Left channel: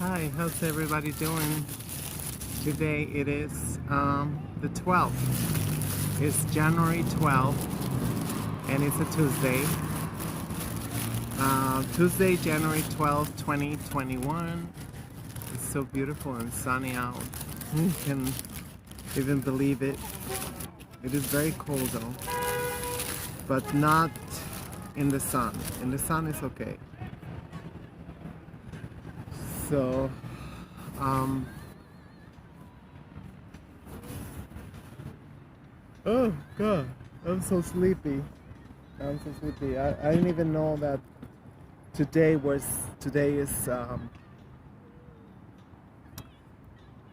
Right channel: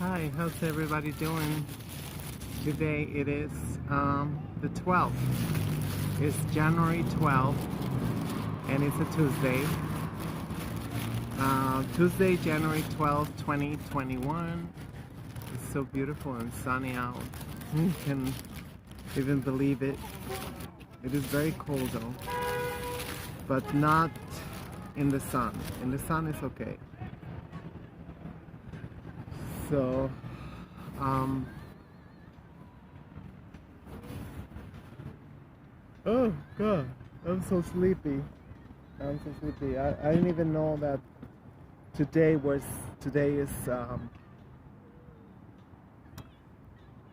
Hi, how's everybody doing? Today it is the 12th. It's January 12th and it's a Tuesday. Tuesday, January 12th, 2021. It's so beautiful and sunny out. You can even believe it. It is very cold though, but not in the sun. In the sun it's okay. So, oh God, I'm so sleepy. I'm so sleepy. I didn't even know that today is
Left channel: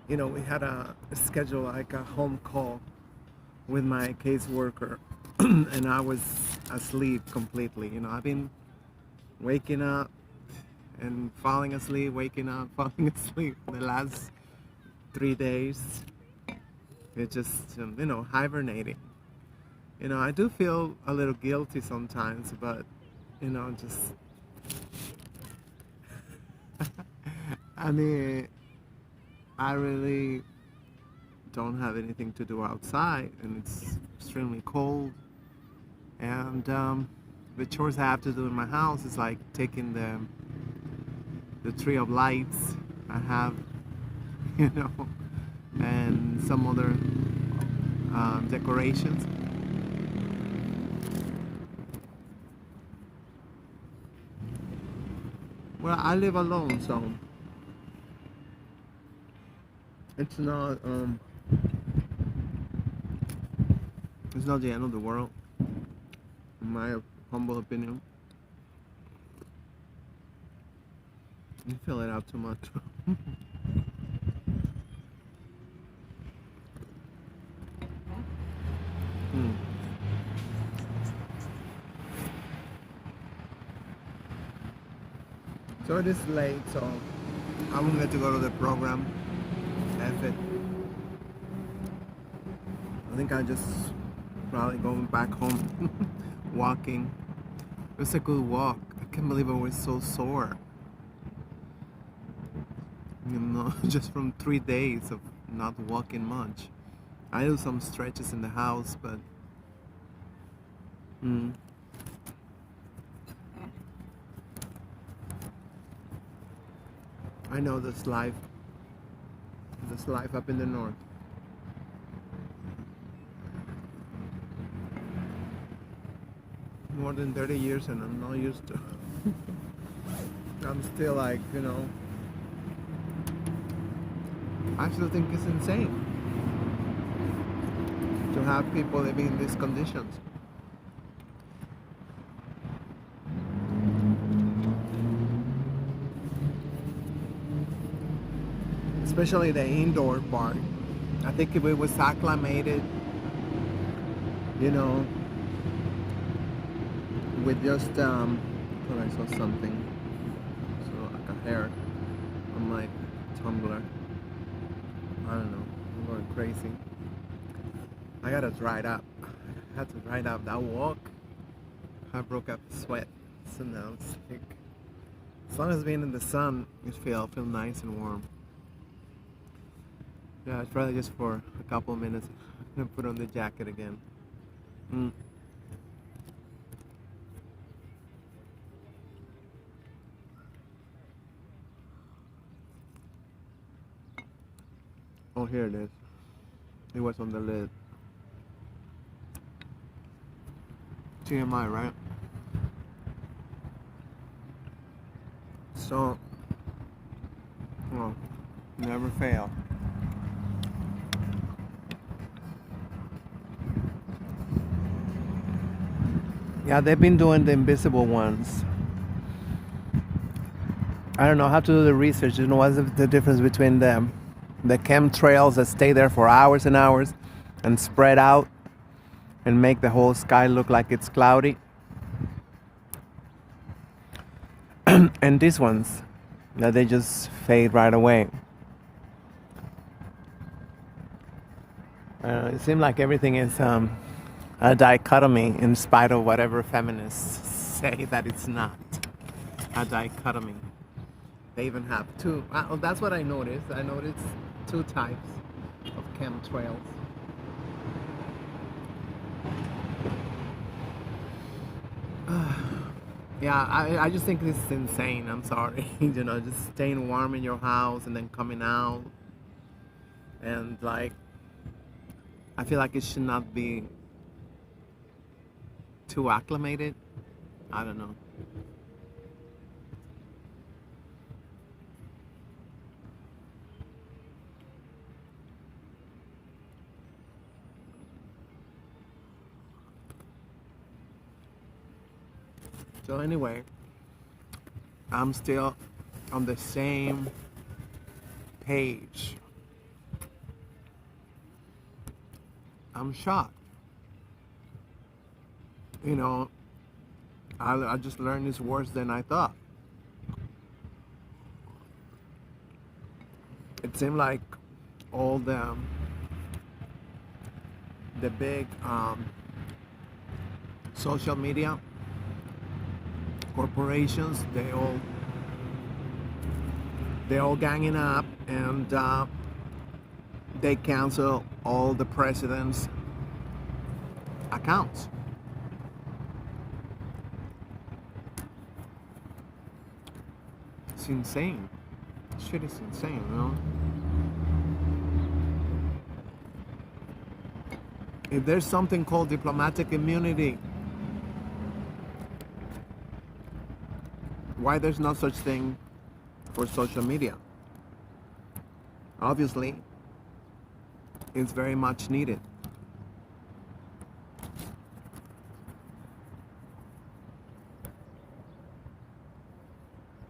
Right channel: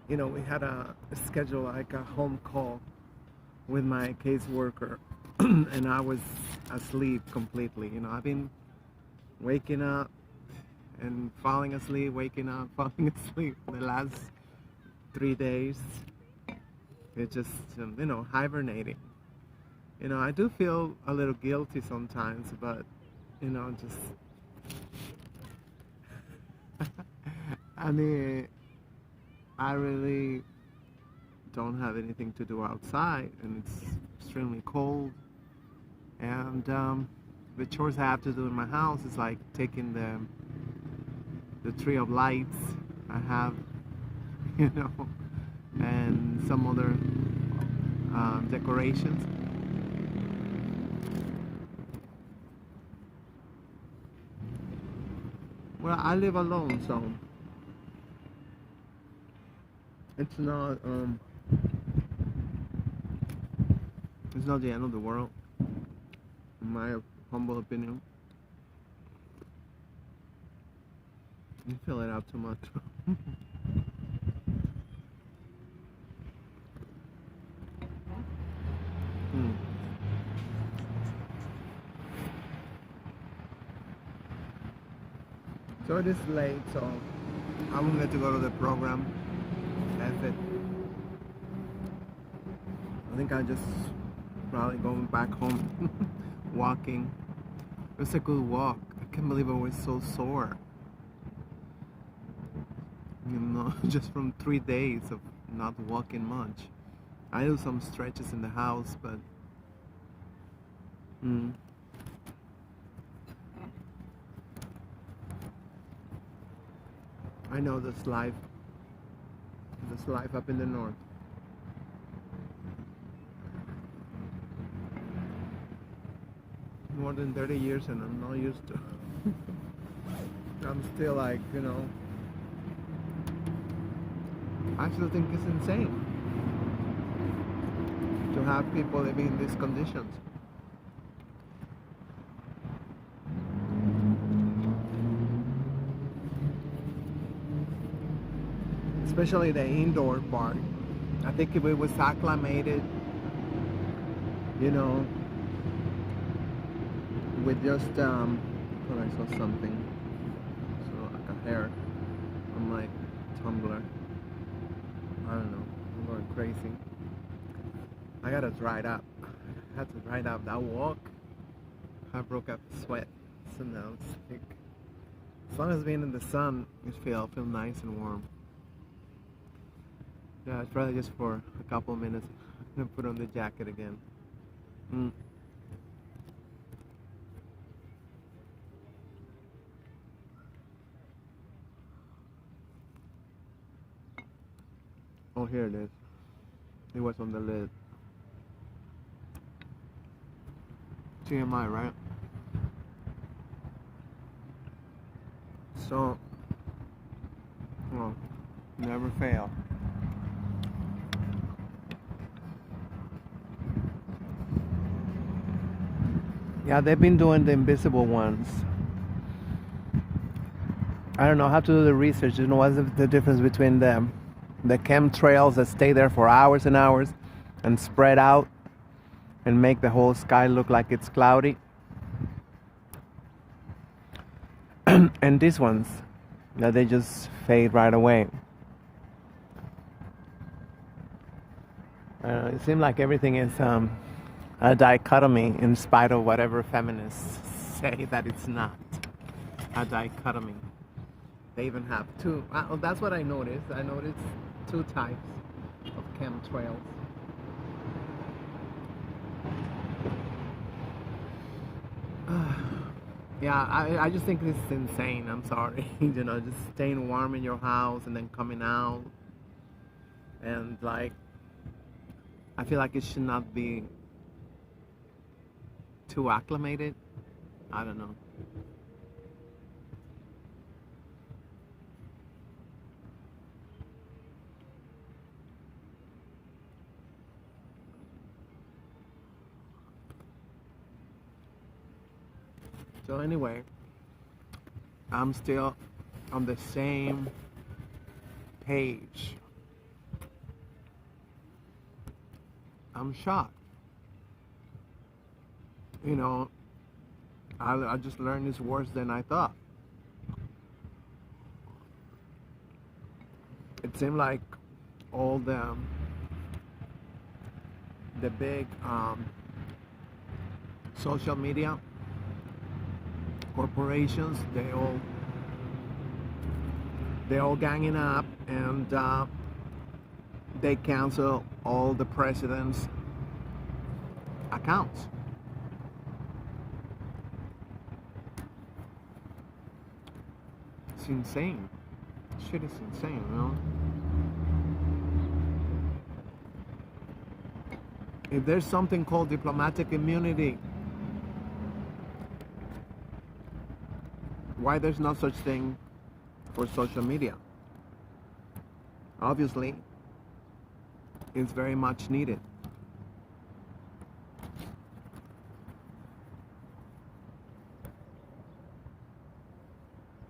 we had a schedule, like a home call with my caseworker, and I was asleep completely. I've been waking up and falling asleep, waking up, falling asleep the last 3 days. It's just hibernating. I do feel a little guilty sometimes, but just I mean, I really don't have anything to do outside, and it's extremely cold. And the chores I have to do in my house is like taking the tree of lights I have, and some other decorations. Well, I live alone, so it's not the end of the world, in my humble opinion. You fill it out too much. Hmm. So it is late, so I won't get to go to the program. F it. I think I just probably going back home, walking. It was a good walk. I can't believe I was so sore. Just from 3 days of not walking much. I do some stretches in the house, but I know this life. This life up in the north. More than 30 years, and I'm not used to. I'm still like, I still think it's insane to have people living in these conditions. Especially the indoor part. I think if it was acclimated, with just, when I saw something, so like a hair on my Tumblr. I don't know, I'm going crazy. I gotta dry it up. I had to dry it up. That walk, I broke up a sweat. So now it's like, as long as being in the sun, I feel nice and warm. Yeah, it's probably just for a couple of minutes. I'm gonna put on the jacket again. Oh, here it is. It was on the lid. TMI, right? So, well, never fail. Yeah, they've been doing the invisible ones. I don't know, I have to do the research. What's the difference between them? The chemtrails that stay there for hours and hours and spread out and make the whole sky look like it's cloudy. And these ones, that they just fade right away. It seems like everything is a dichotomy, in spite of whatever feminists say that it's not a dichotomy. They even have two. That's what I noticed. I noticed two types of chemtrails. Yeah, I just think this is insane. I'm sorry. Just staying warm in your house and then coming out. And like, I feel like it should not be too acclimated. I don't know. So anyway, I'm still on the same page. I'm shocked. You know, I just learned it's worse than I thought. It seemed like all the big social media corporations, they all ganging up, and they cancel all the president's accounts. It's insane. Shit is insane, you know? If there's something called diplomatic immunity, why there's no such thing for social media? Obviously, it's very much needed.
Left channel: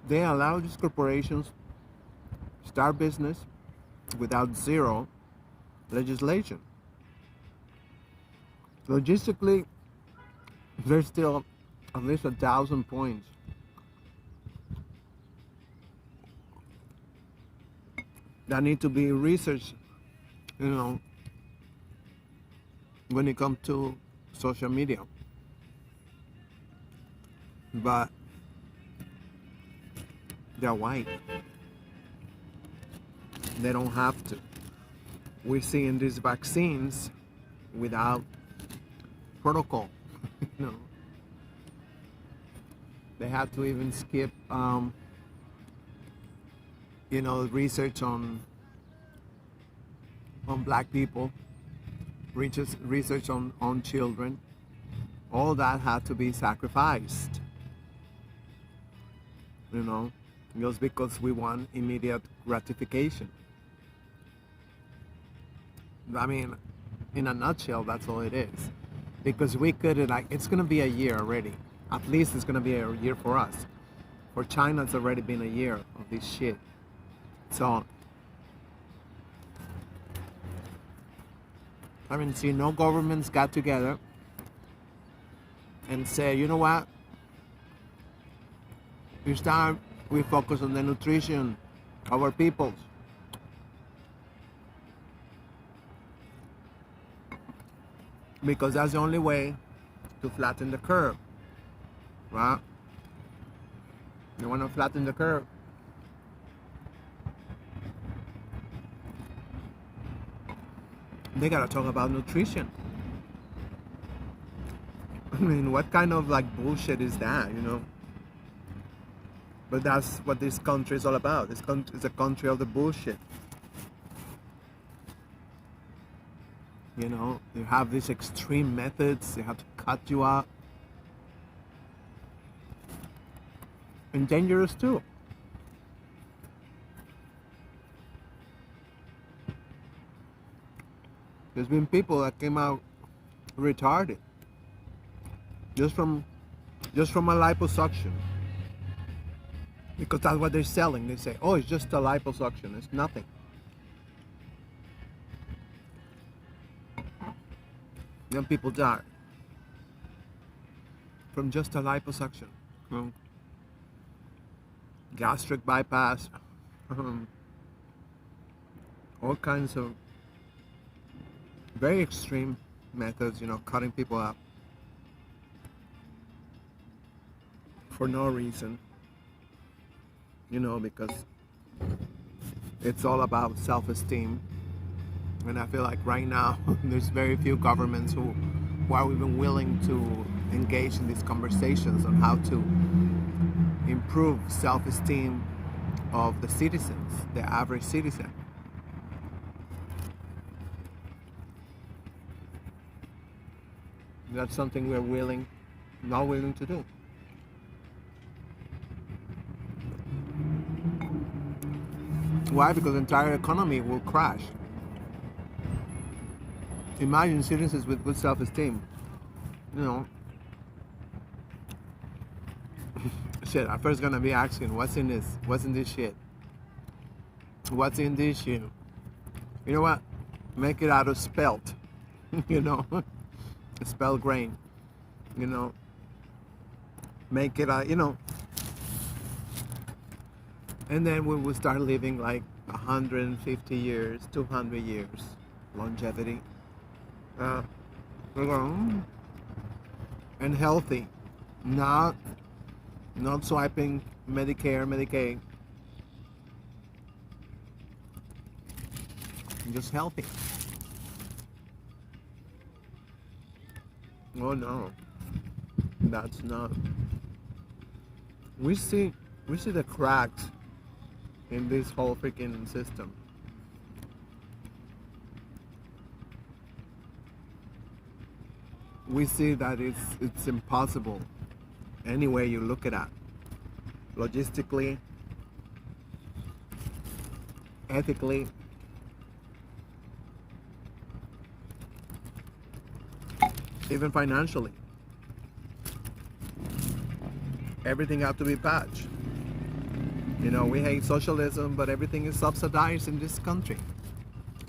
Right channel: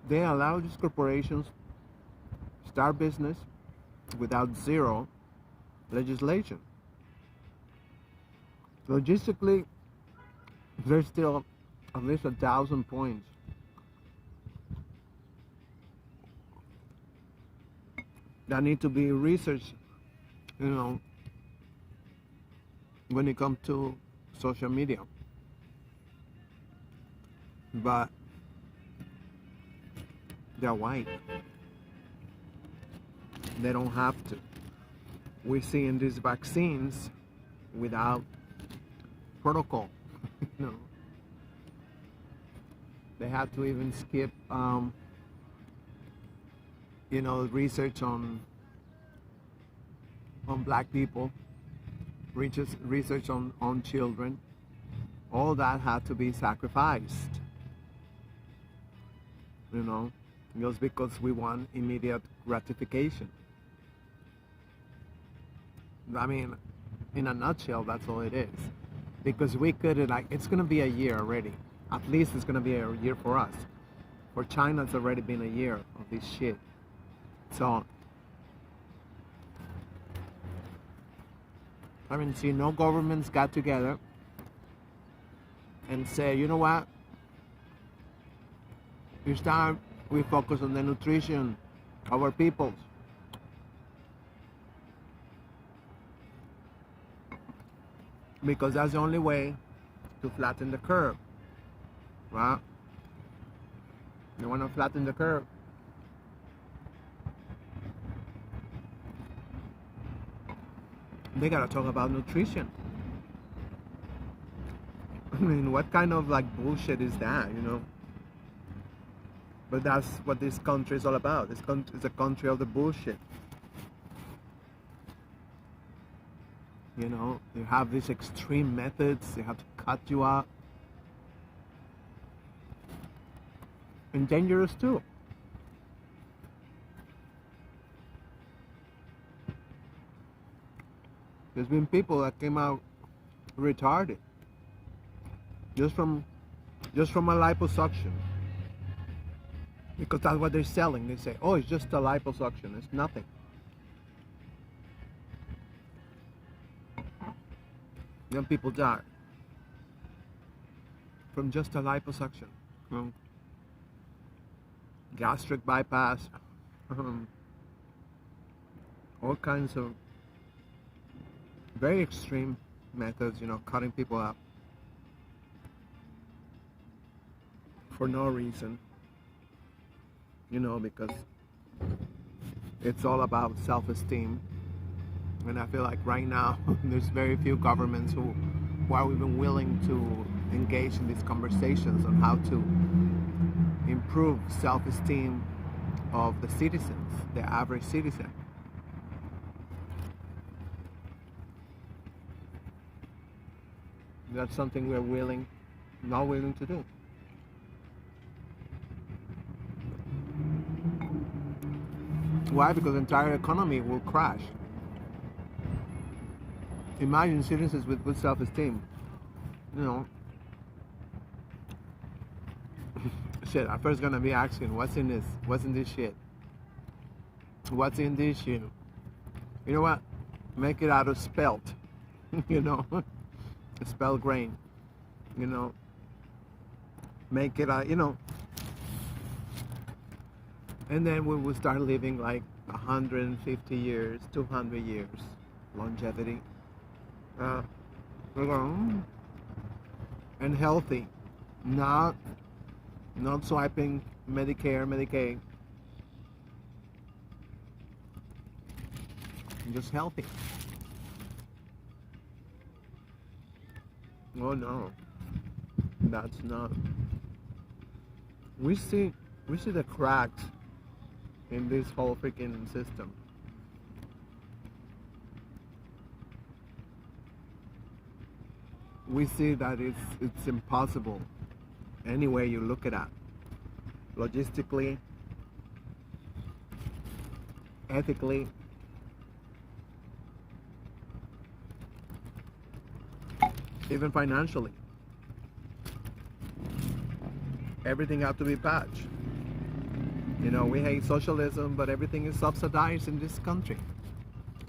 They allow these corporations start business without zero legislation. Logistically, there's still at least 1,000 points that need to be researched, when it comes to social media. But they're white. They don't have to. We're seeing these vaccines without protocol. you know. They have to even skip, research on black people, research on children. All that had to be sacrificed. Just because we want immediate gratification. I mean, in a nutshell, that's all it is. Because we could, it's going to be a year already. At least it's going to be a year for us. For China, it's already been a year of this shit. So, no governments got together and say, you know what? It's time we focus on the nutrition of our peoples. Because that's the only way to flatten the curve, right? You want to flatten the curve. They gotta talk about nutrition. What kind of bullshit is that, But that's what this country is all about. This country is a country of the bullshit. You have these extreme methods. They have to cut you out. And dangerous too. There's been people that came out retarded just from a liposuction. Because that's what they're selling. They say, oh, it's just a liposuction. It's nothing. Young people die from just a liposuction. Gastric bypass. All kinds of very extreme methods, cutting people up for no reason. because it's all about self-esteem. And I feel like right now there's very few governments who are even willing to engage in these conversations on how to improve self-esteem of the citizens, the average citizen. That's something we're not willing to do. Why? Because the entire economy will crash. Imagine citizens with good self-esteem. You know, shit, I'm first gonna be asking, what's in this? What's in this shit? What's in this shit? You know what? Make it out of spelt. you know, spelt grain. You know, make it out, and then we will start living like 150 years, 200 years, longevity. Uh, and healthy, not swiping Medicare, Medicaid, just healthy. Oh no, that's not. We see the cracks in this whole freaking system. We see that it's impossible any way you look at it. Logistically, ethically, even financially. Everything has to be patched. We hate socialism, but everything is subsidized in this country.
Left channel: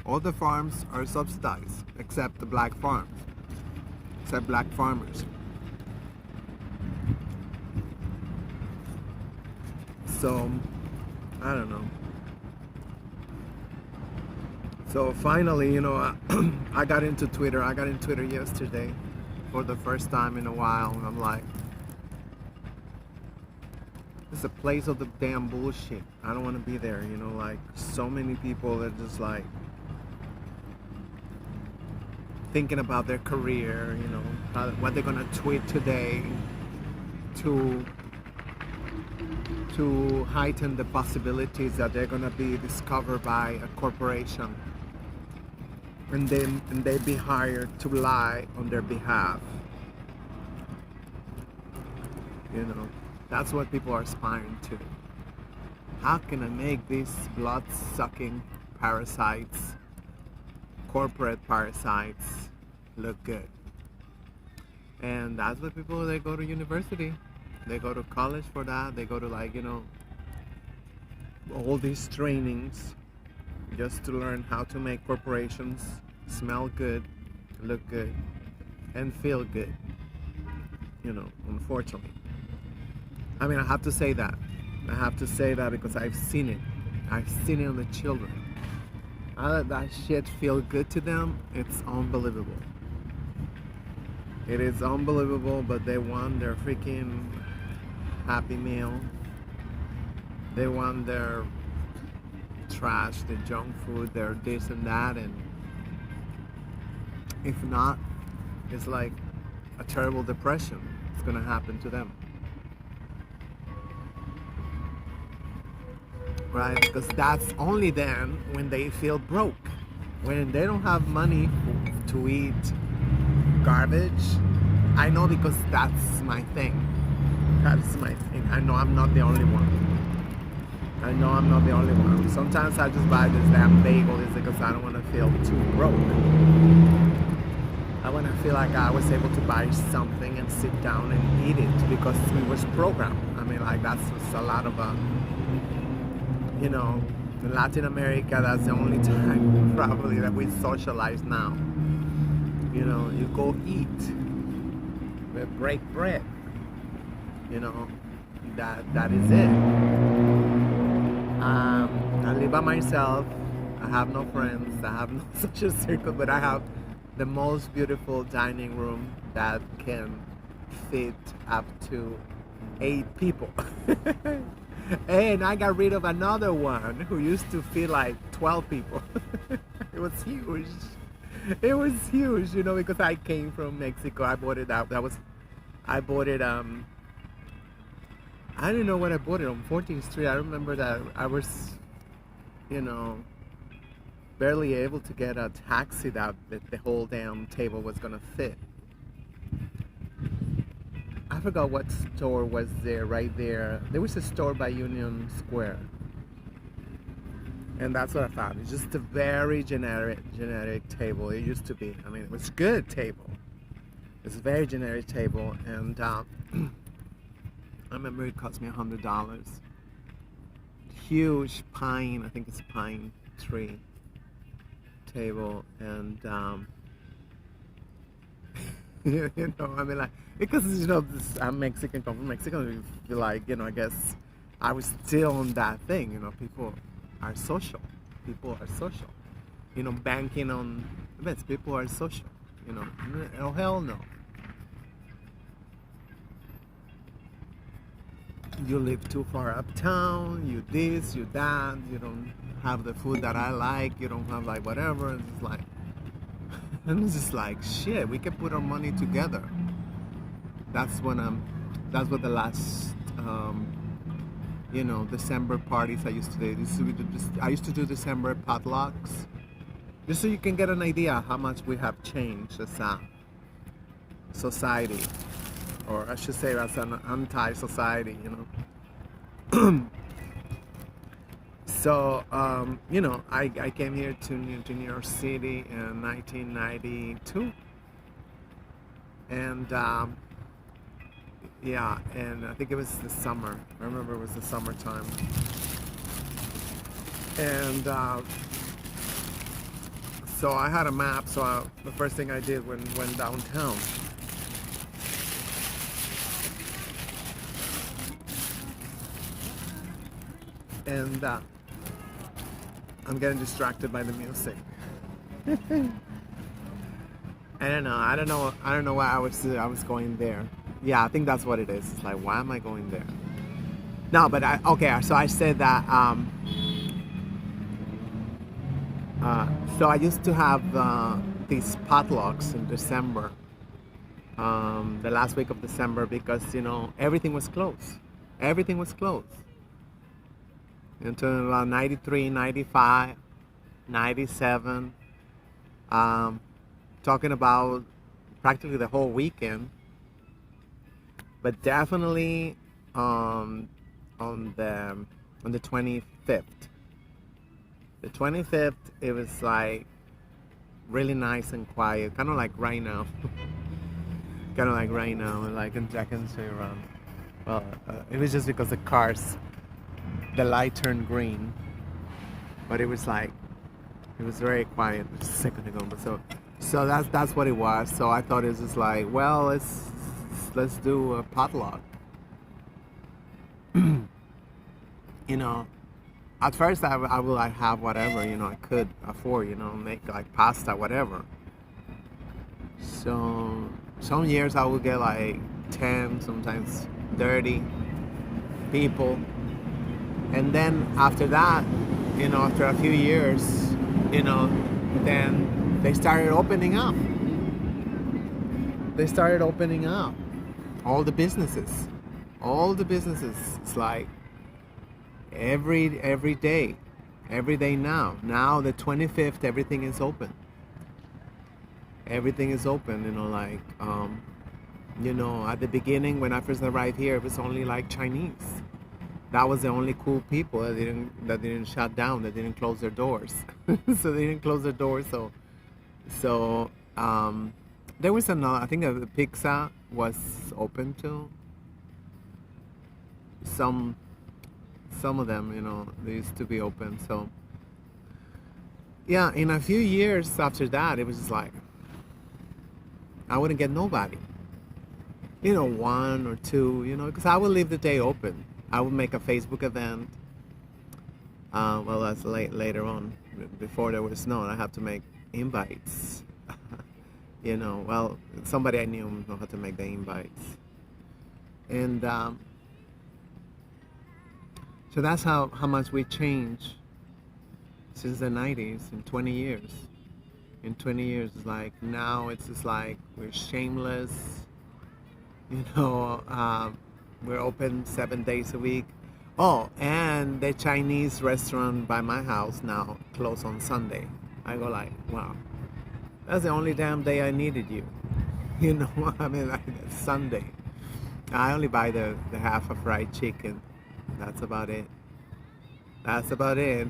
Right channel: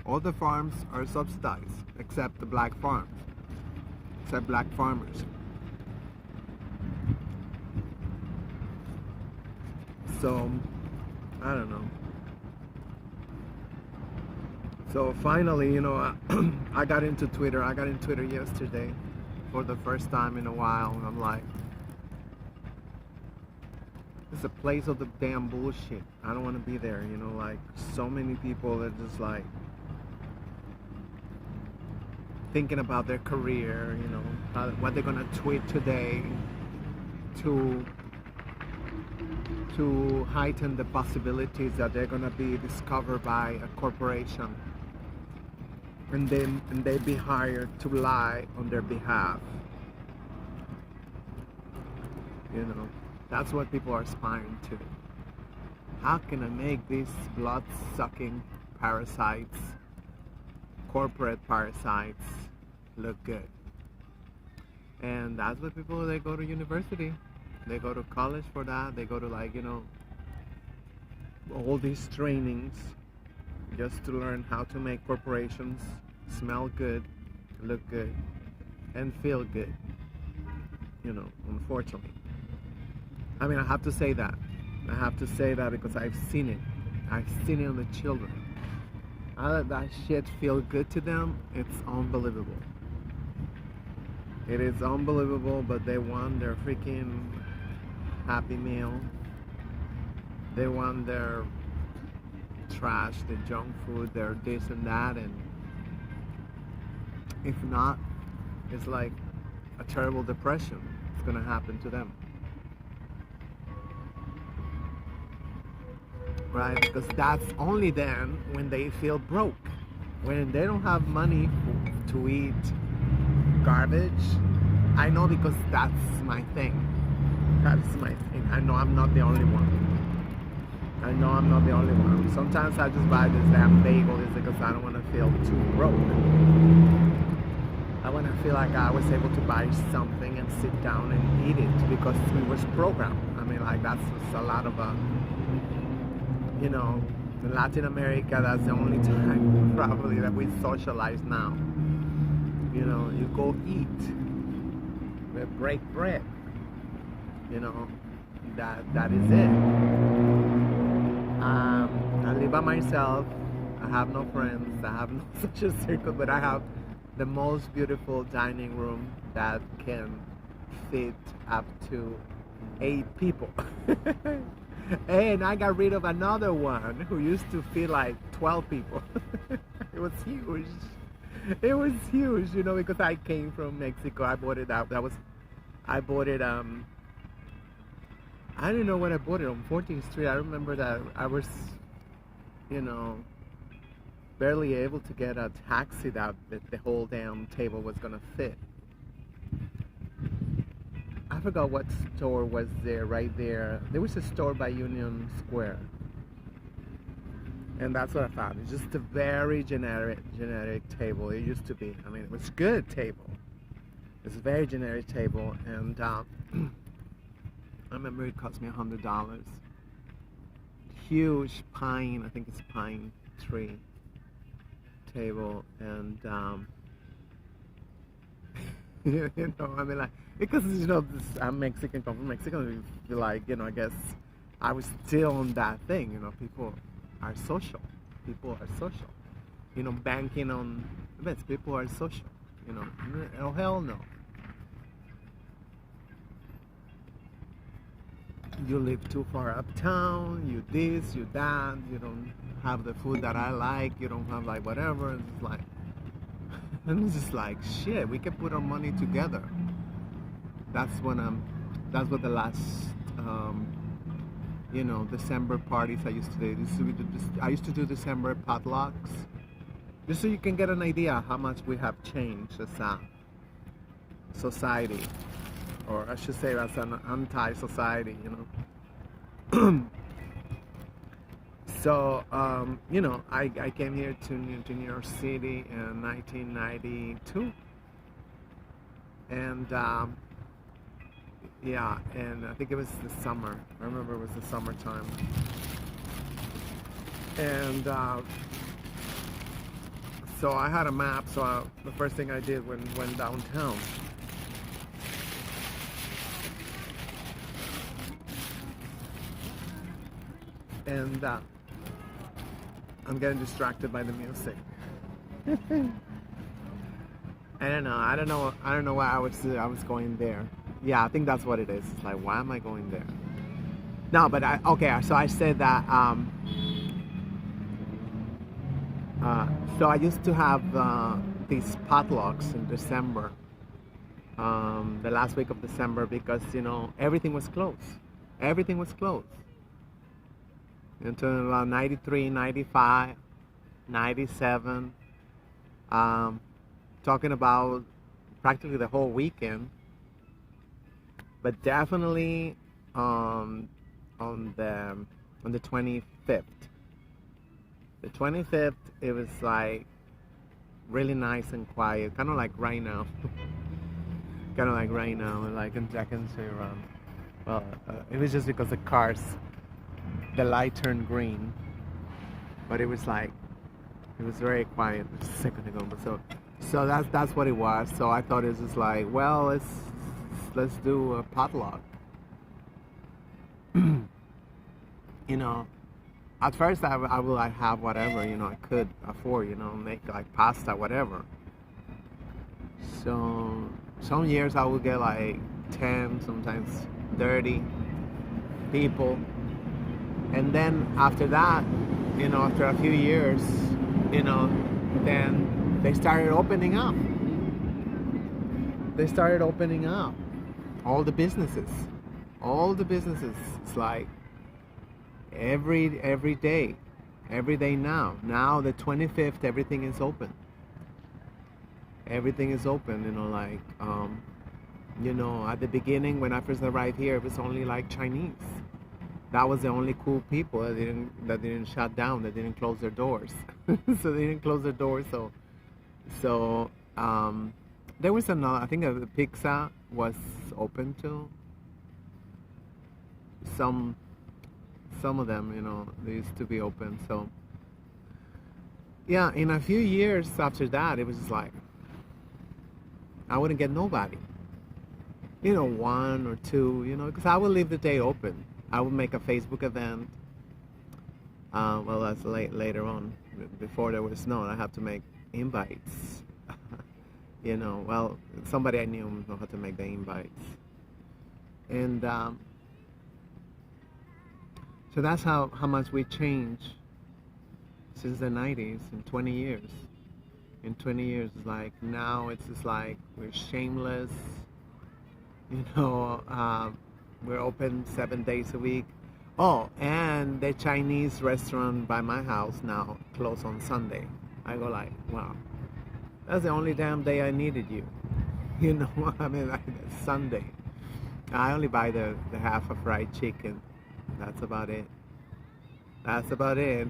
All the farms are subsidized, except the black farms, except black farmers. So, I don't know. So finally, I got into Twitter. I got into Twitter yesterday for the first time in a while, and I'm like, it's a place of the damn bullshit. I don't want to be there, like so many people are just like thinking about their career, what they're gonna tweet today to heighten the possibilities that they're gonna be discovered by a corporation, and they be hired to lie on their behalf. That's what people are aspiring to. How can I make these blood-sucking parasites, corporate parasites, look good? And that's what people, they go to university. They go to college for that. They go to all these trainings just to learn how to make corporations smell good, look good, and feel good. Unfortunately. I mean, I have to say that. I have to say that because I've seen it. I've seen it on the children. I let that shit feel good to them. It's unbelievable. It is unbelievable, but they want their freaking Happy Meal. They want their trash, their junk food, their this and that, and if not, it's like a terrible depression is gonna happen to them. Right? Because that's only then when they feel broke. When they don't have money to eat garbage. I know because that's my thing. That's my thing. I know I'm not the only one. Sometimes I just buy this damn bagel because I don't want to feel too broke. I want to feel like I was able to buy something and sit down and eat it because it was programmed. I mean, that's a lot of in Latin America, that's the only time probably that we socialize now. You go eat, we break bread. That is it. I live by myself. I have no friends. I have no social circle, but I have the most beautiful dining room that can fit up to 8 people. And I got rid of another one who used to feed like 12 people. It was huge. It was huge, you know, because I came from Mexico. I bought it out. I bought it, I don't know when I bought it, on 14th Street. I remember that I was, you know, barely able to get a taxi that the whole damn table was gonna fit. I forgot what store was there, right there. There was a store by Union Square. And that's what I found. It's just a very generic table. It used to be. I mean, it was a good table. It's a very generic table. And I remember it cost me $100. Huge pine, I think it's a pine tree table. And, you know, I mean, like, because, you know, I'm Mexican, come from Mexico, you feel like, you know, I guess I was still on that thing, you know, people are social. People are social. You know, banking on events, people are social, you know. Oh, hell no. You live too far uptown, you this, you that, you don't have the food that I like, you don't have like whatever, and it's like, and it's just like, shit, we can put our money together. That's what the last, you know, December parties I used to do. I used to do December potlucks, just so you can get an idea how much we have changed as a society, or I should say as an anti-society, you know. So, you know, I came here to New York City in 1992, and yeah, and I think it was the summer. I remember it was the summertime. And so I had a map, so the first thing I did when went downtown. And I'm getting distracted by the music. I don't know why I was going there. Yeah, I think that's what it is. It's like, why am I going there? No, but okay, so I said that, so I used to have these potlucks in December, the last week of December, because, you know, everything was closed. Everything was closed. Until around 93, 95, 97, talking about practically the whole weekend. But definitely on the 25th. The 25th, it was like really nice and quiet, kind of like right now. Kind of like right now, and like I can see around. Well, it was just because the cars, the light turned green, but it was like, it was very quiet just a second ago. But so that's what it was. So I thought it was just like, well, let's do a potluck. You know, at first I would like have whatever, you know, I could afford, you know, make like pasta, whatever. So some years I would get like 10, sometimes 30 people. And then after that, you know, after a few years, you know, then they started opening up. They started opening up. All the businesses. It's like every day. Every day now. Now the 25th, everything is open. Everything is open, you know, like, you know, at the beginning when I first arrived here, it was only like Chinese. That was the only cool people that didn't shut down, that didn't close their doors. So they didn't close their doors. So there was another. I think the pizza was open too. Some of them, you know, they used to be open. So yeah, in a few years after that, it was just like I wouldn't get nobody. You know, one or two. You know, because I would leave the day open. I would make a Facebook event. Well, that's later on. Before there was snow, I had to make invites. You know, well, somebody I knew know how to make the invites. And So that's how much we changed since the 90s in 20 years. In 20 years, it's like now it's just like we're shameless, you know, we're open 7 days a week. Oh, and the Chinese restaurant by my house now closed on Sunday. I go like, wow, that's the only damn day I needed you. You know, I mean, like Sunday. I only buy the half of fried chicken. That's about it. That's about it.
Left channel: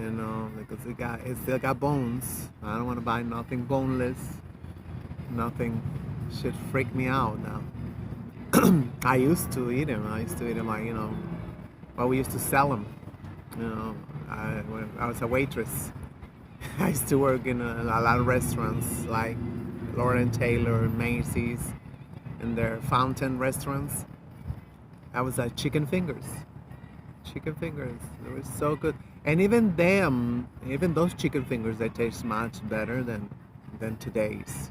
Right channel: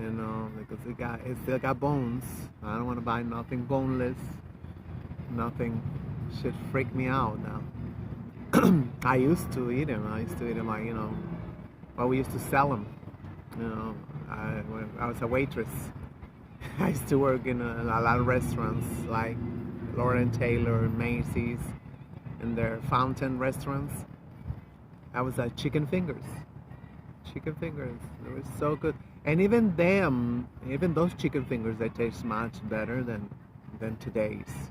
You know, because it still got bones. I don't want to buy nothing boneless. Nothing should freak me out now. I used to eat them. I used to eat them like, you know, well, we used to sell them. You know, when I was a waitress. I used to work in a lot of restaurants like Lord and Taylor, Macy's, and their fountain restaurants. I was at Chicken Fingers. Chicken Fingers. They were so good. And even them, even those Chicken Fingers, they taste much better than today's.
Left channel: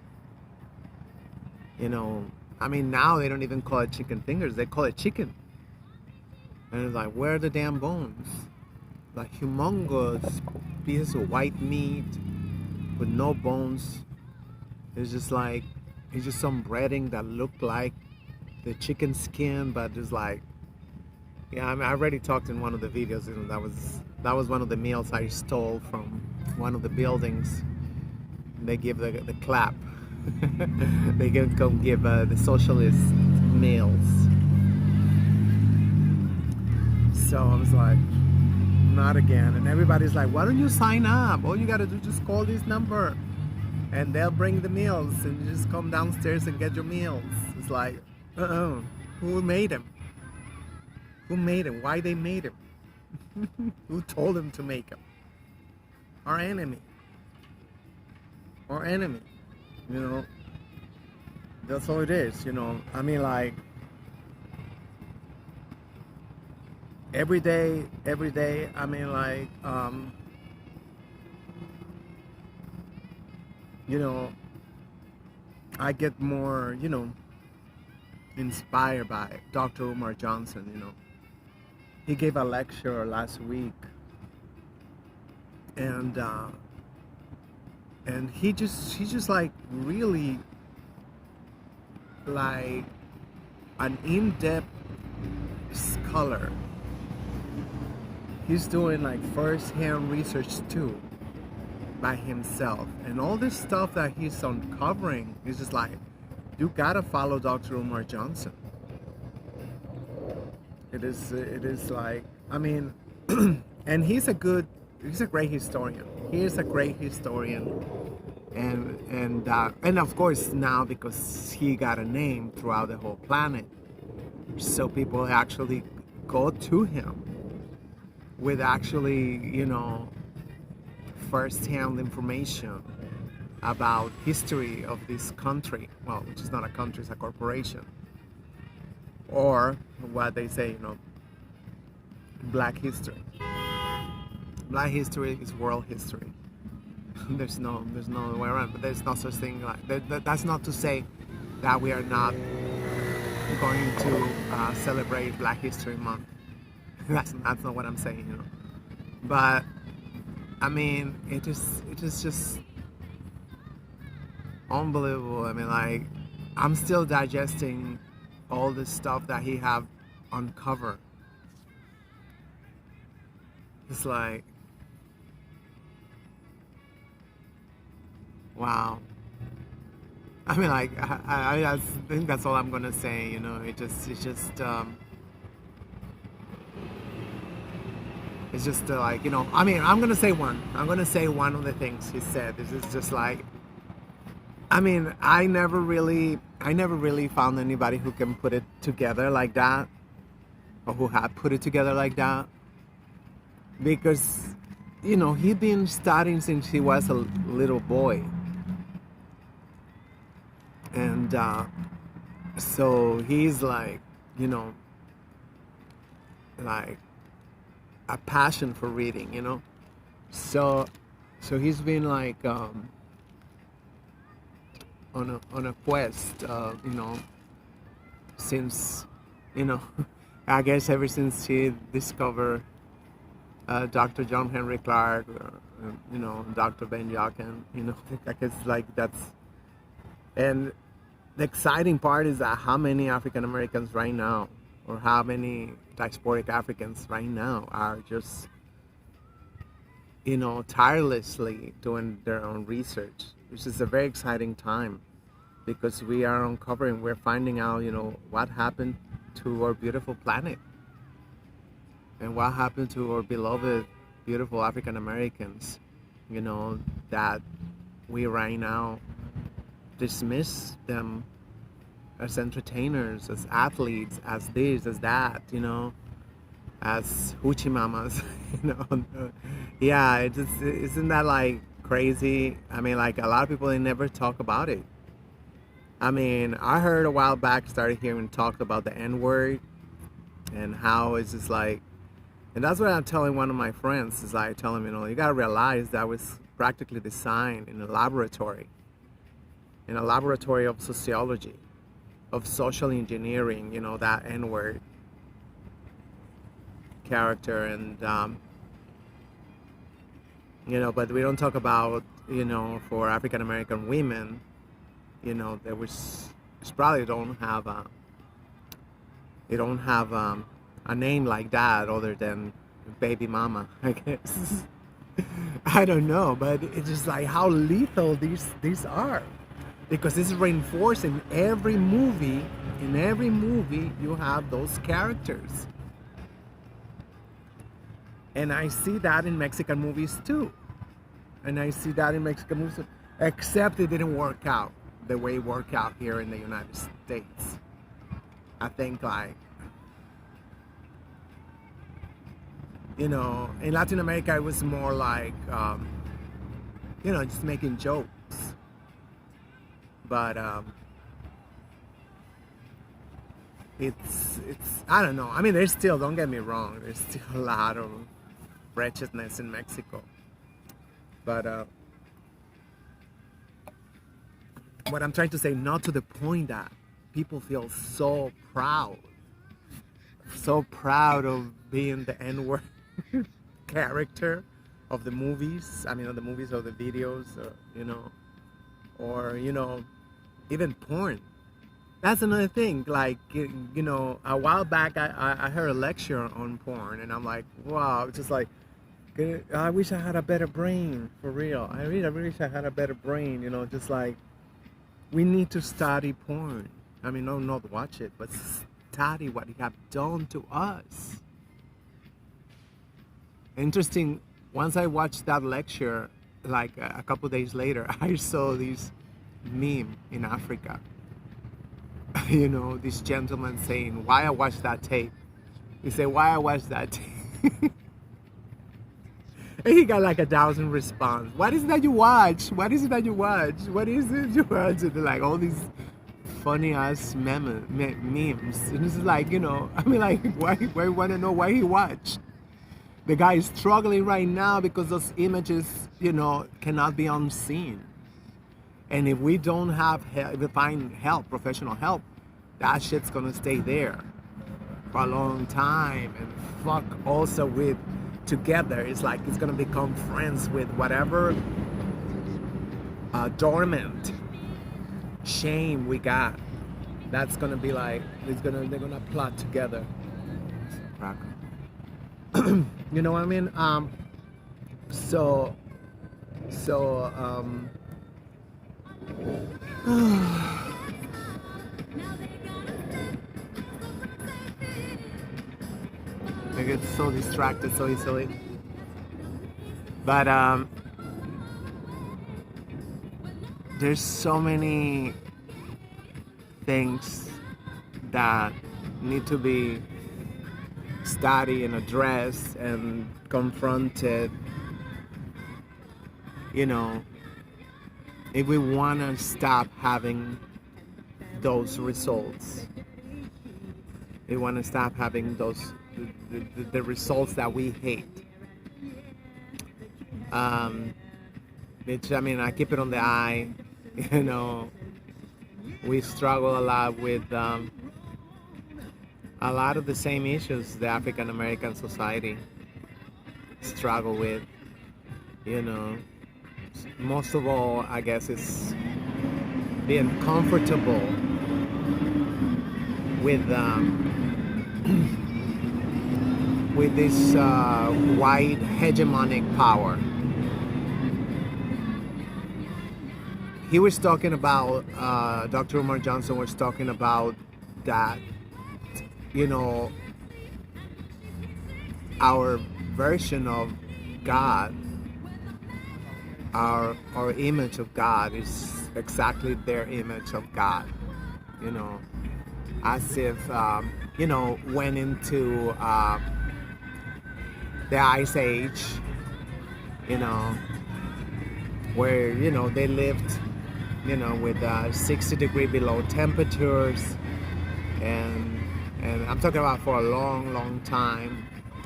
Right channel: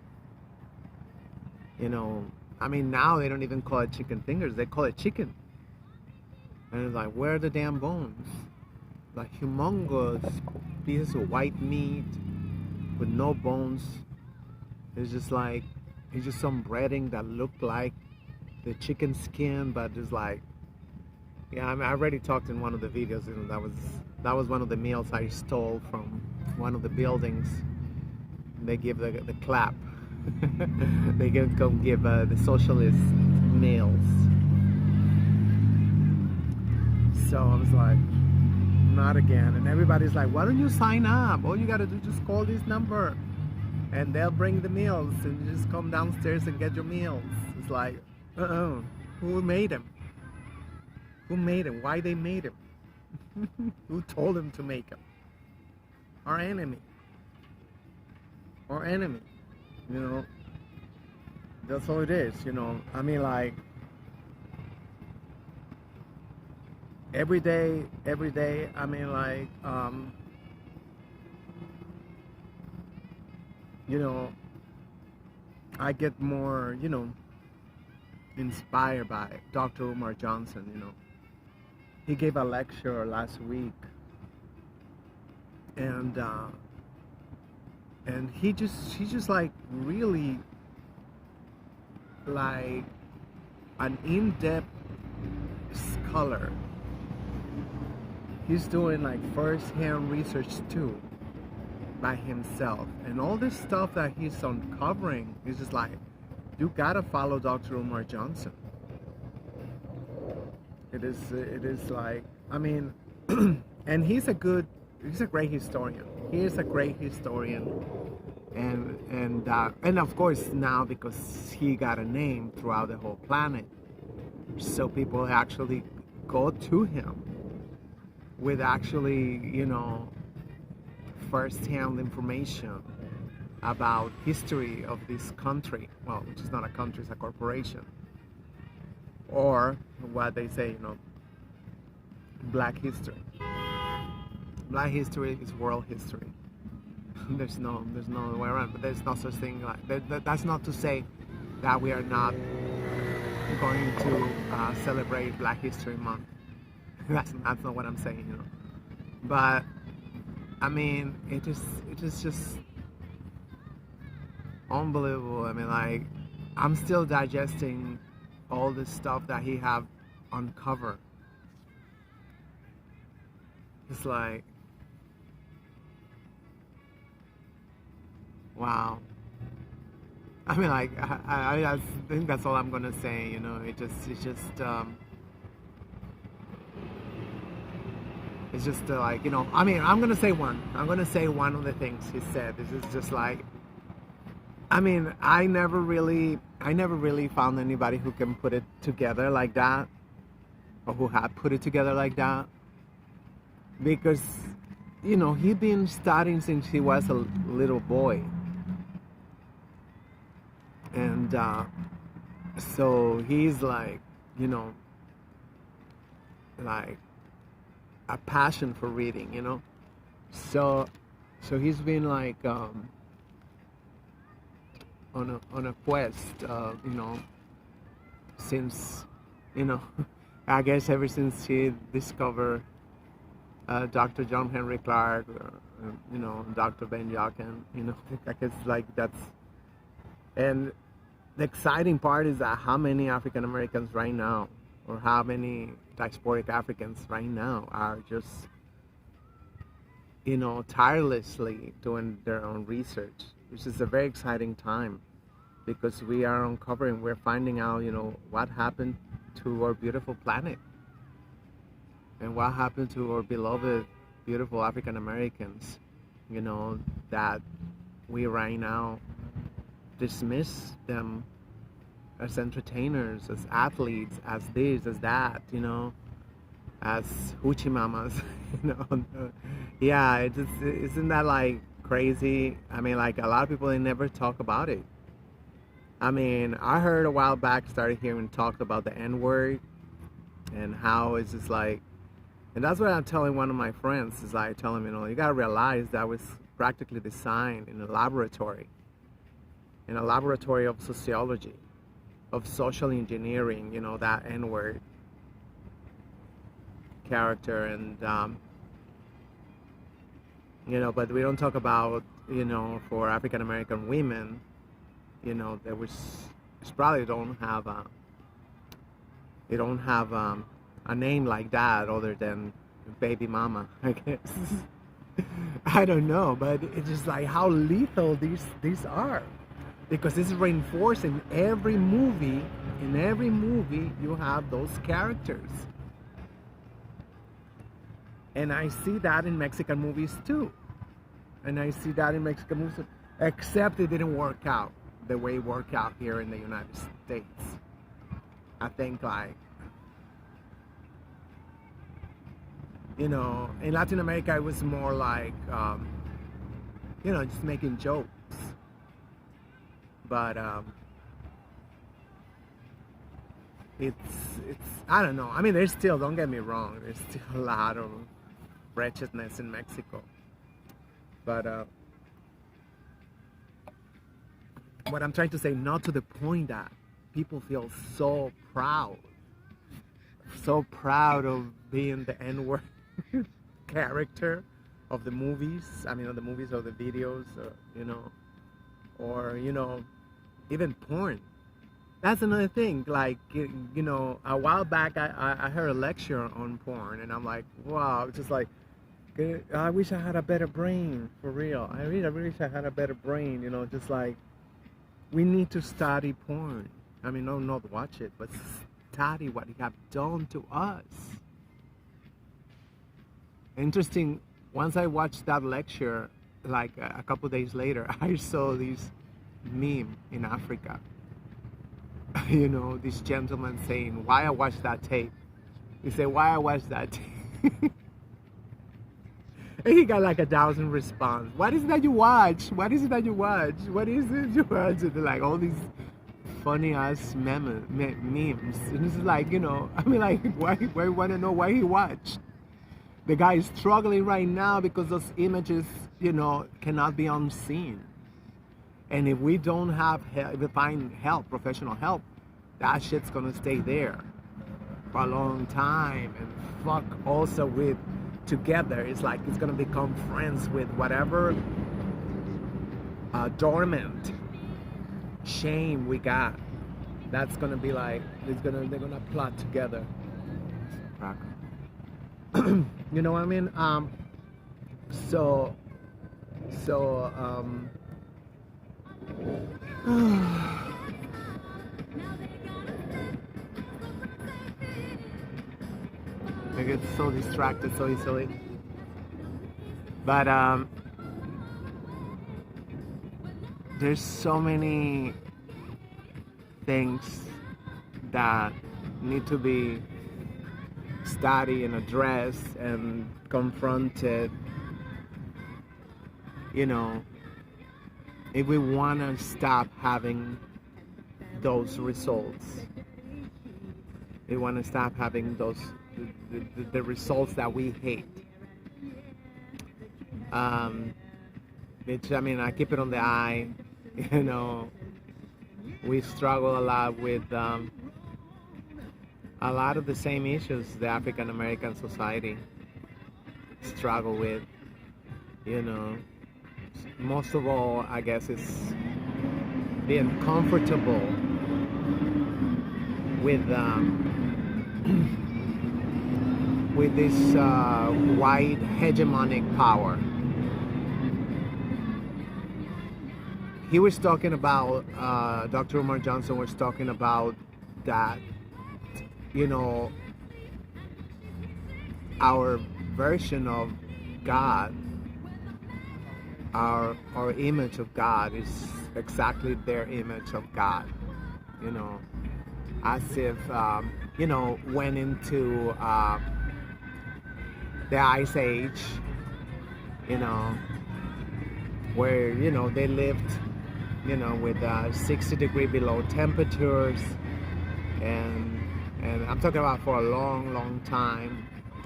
You know, I mean, now they don't even call it Chicken Fingers. They call it chicken. And it's like, where are the damn bones? Like humongous pieces of white meat with no bones. It's just like, it's just some breading that looked like the chicken skin, but just like, yeah, I mean, I already talked in one of the videos, you know, that was one of the meals I stole from one of the buildings. They give the clap. They come give the socialist meals. So I was like, not again. And everybody's like, why don't you sign up? All you gotta do is just call this number and they'll bring the meals and you just come downstairs and get your meals. It's like, who made them? Who made them? Why they made them? Who told them to make them? Our enemy. Our enemy. You know, that's all it is, you know. I mean, like, every day, I mean, like, you know, I get more, you know, inspired by Dr. Umar Johnson, you know. He gave a lecture last week, and he's just like really like an in-depth scholar. He's doing like first-hand research too by himself, and all this stuff that he's uncovering is just like, you gotta follow Dr. Umar Johnson. It is like, I mean, and he's a great historian. He is a great historian, and of course now, because he got a name throughout the whole planet, so people actually go to him with actually, you know, first-hand information about history of this country. Well, which is not a country, it's a corporation. Or what they say, you know, Black history. Black history is world history. There's no way around. But there's no such thing like that's not to say that we are not going to celebrate Black History Month. That's not what I'm saying, you know. But I mean, it is just unbelievable. I mean, like, I'm still digesting all the stuff that he have uncovered. It's like, wow. I mean, like, I think that's all I'm gonna say. You know, it's just like, you know. I mean, I'm gonna say one. I'm gonna say one of the things he said. This is just like, I mean, I never really found anybody who can put it together like that, or who had put it together like that, because, you know, he'd been studying since he was a little boy, and so he's like, you know, like a passion for reading, you know. So he's been like on a quest, you know, since, you know, I guess ever since she discovered Dr. John Henry Clark, Dr. Ben Jochen, I guess like that's, and the exciting part is that how many African Americans right now, or how many diasporic Africans right now are just, tirelessly doing their own research, which is a very exciting time because we are uncovering, we're finding out, what happened to our beautiful planet and what happened to our beloved, beautiful African Americans, that we right now dismiss them as entertainers, as athletes, as this, as that, as hoochie mamas, you know. Yeah, it just, isn't that like crazy? I mean, like a lot of people, they never talk about it. I mean, I heard a while back, started hearing talk about the N word and how it's just like, and that's what I'm telling one of my friends, is I tell him, you gotta realize that was practically designed in a laboratory of sociology, of social engineering, that N word character. And, but we don't talk about, for African American women, there was, probably they don't have a name like that other than baby mama, I guess. I don't know, but it's just like how lethal these are, because it's reinforced in every movie. In every movie, you have those characters, and I see that in Mexican movies too. Except it didn't work out the way it worked out here in the United States. I think, like, in Latin America, it was more like, just making jokes. But it's I don't know. I mean, there's still, don't get me wrong, there's still a lot of wretchedness in Mexico. But what I'm trying to say, not to the point that people feel so proud of being the N-word character of the movies. I mean, of the movies, or the videos, or even porn. That's another thing. Like, a while back, I heard a lecture on porn, and I'm like, wow, it's just like, I wish I had a better brain, for real. I really wish I had a better brain, just like, we need to study porn. I mean, no, not watch it, but study what it have done to us. Interesting, once I watched that lecture, like a couple days later, I saw this meme in Africa. This gentleman saying, why I watched that tape. He said, why I watched that tape. And he got like 1,000 response. What is it that you watch? What is it that you watch? What is it you watch? And like all these funny ass memes. And it's like, I mean, like, why you want to know why he watched? The guy is struggling right now because those images, cannot be unseen. And if we don't have help, if we find help, professional help, that shit's gonna stay there for a long time. And fuck also with together, it's like it's gonna become friends with whatever dormant shame we got. That's gonna be like, they're gonna plot together. You know what I mean? So I get so distracted so easily. But there's so many things that need to be studied and addressed and confronted, if we want to stop having those results. We want to stop having those the results that we hate. Which, I mean, I keep it on the eye. We struggle a lot with a lot of the same issues the African American society struggle with. You know, most of all, I guess, is being comfortable with with this white hegemonic power. He was talking about, Dr. Umar Johnson was talking about that, you know, our version of God, our image of God is exactly their image of God, you know, as if, you know, went into the Ice Age, you know, where, you know, they lived, you know, with 60-degree below temperatures, and I'm talking about for a long time.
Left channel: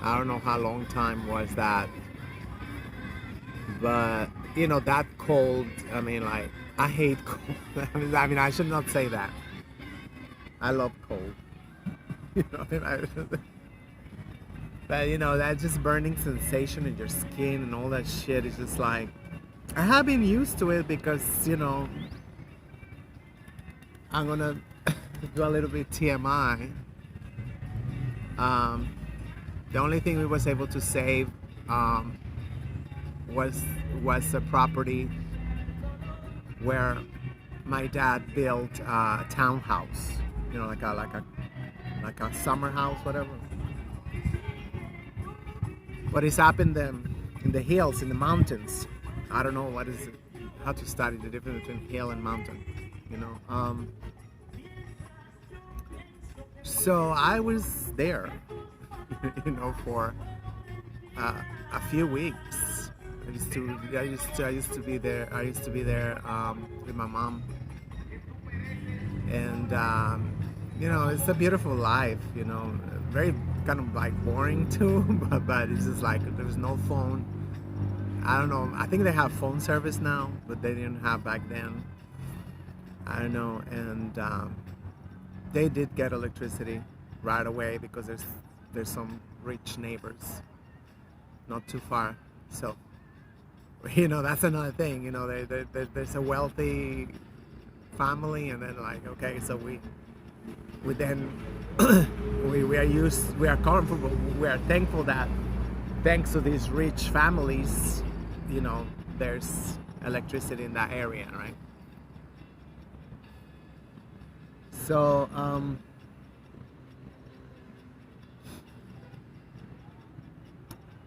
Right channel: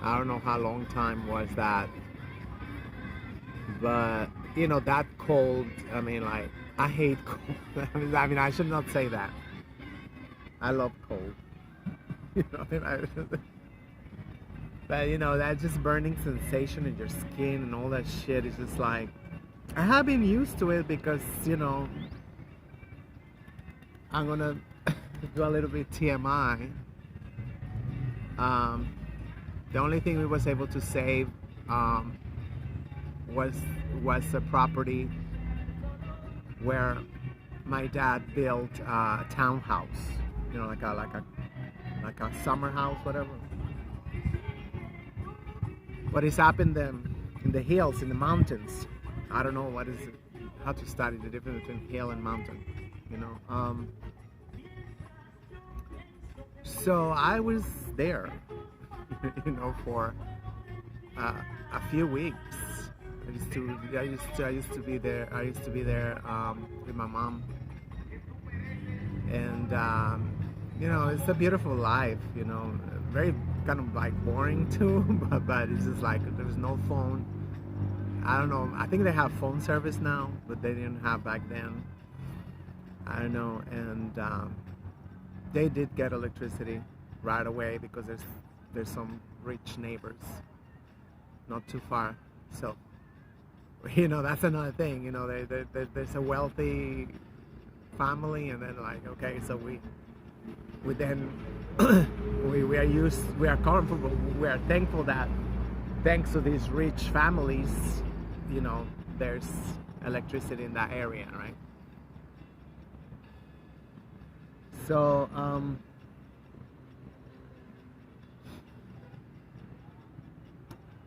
I don't know how long time was that, but you know, that cold. I mean, like, I hate cold. I mean, I should not say that. I love cold. You know, but you know, that just burning sensation in your skin and all that shit is just like, I have been used to it because, you know, I'm gonna do a little bit TMI. The only thing we was able to save was a property where my dad built a townhouse, you know, like a summer house, whatever. But it's up in the hills, in the mountains. I don't know what is it, how to study the difference between hill and mountain, you know. So I was there, you know, for a few weeks. I used to be there. I used to be there with my mom, and you know, it's a beautiful life. You know, very kind of like boring too, but it's just like there's no phone. I don't know. I think they have phone service now, but they didn't have back then. I don't know, and they did get electricity right away because there's some rich neighbors not too far. So, you know, that's another thing. You know, there's a wealthy family, and then like, okay, so we then we are comfortable, we are thankful that thanks to these rich families, you know, there's electricity in that area, right? So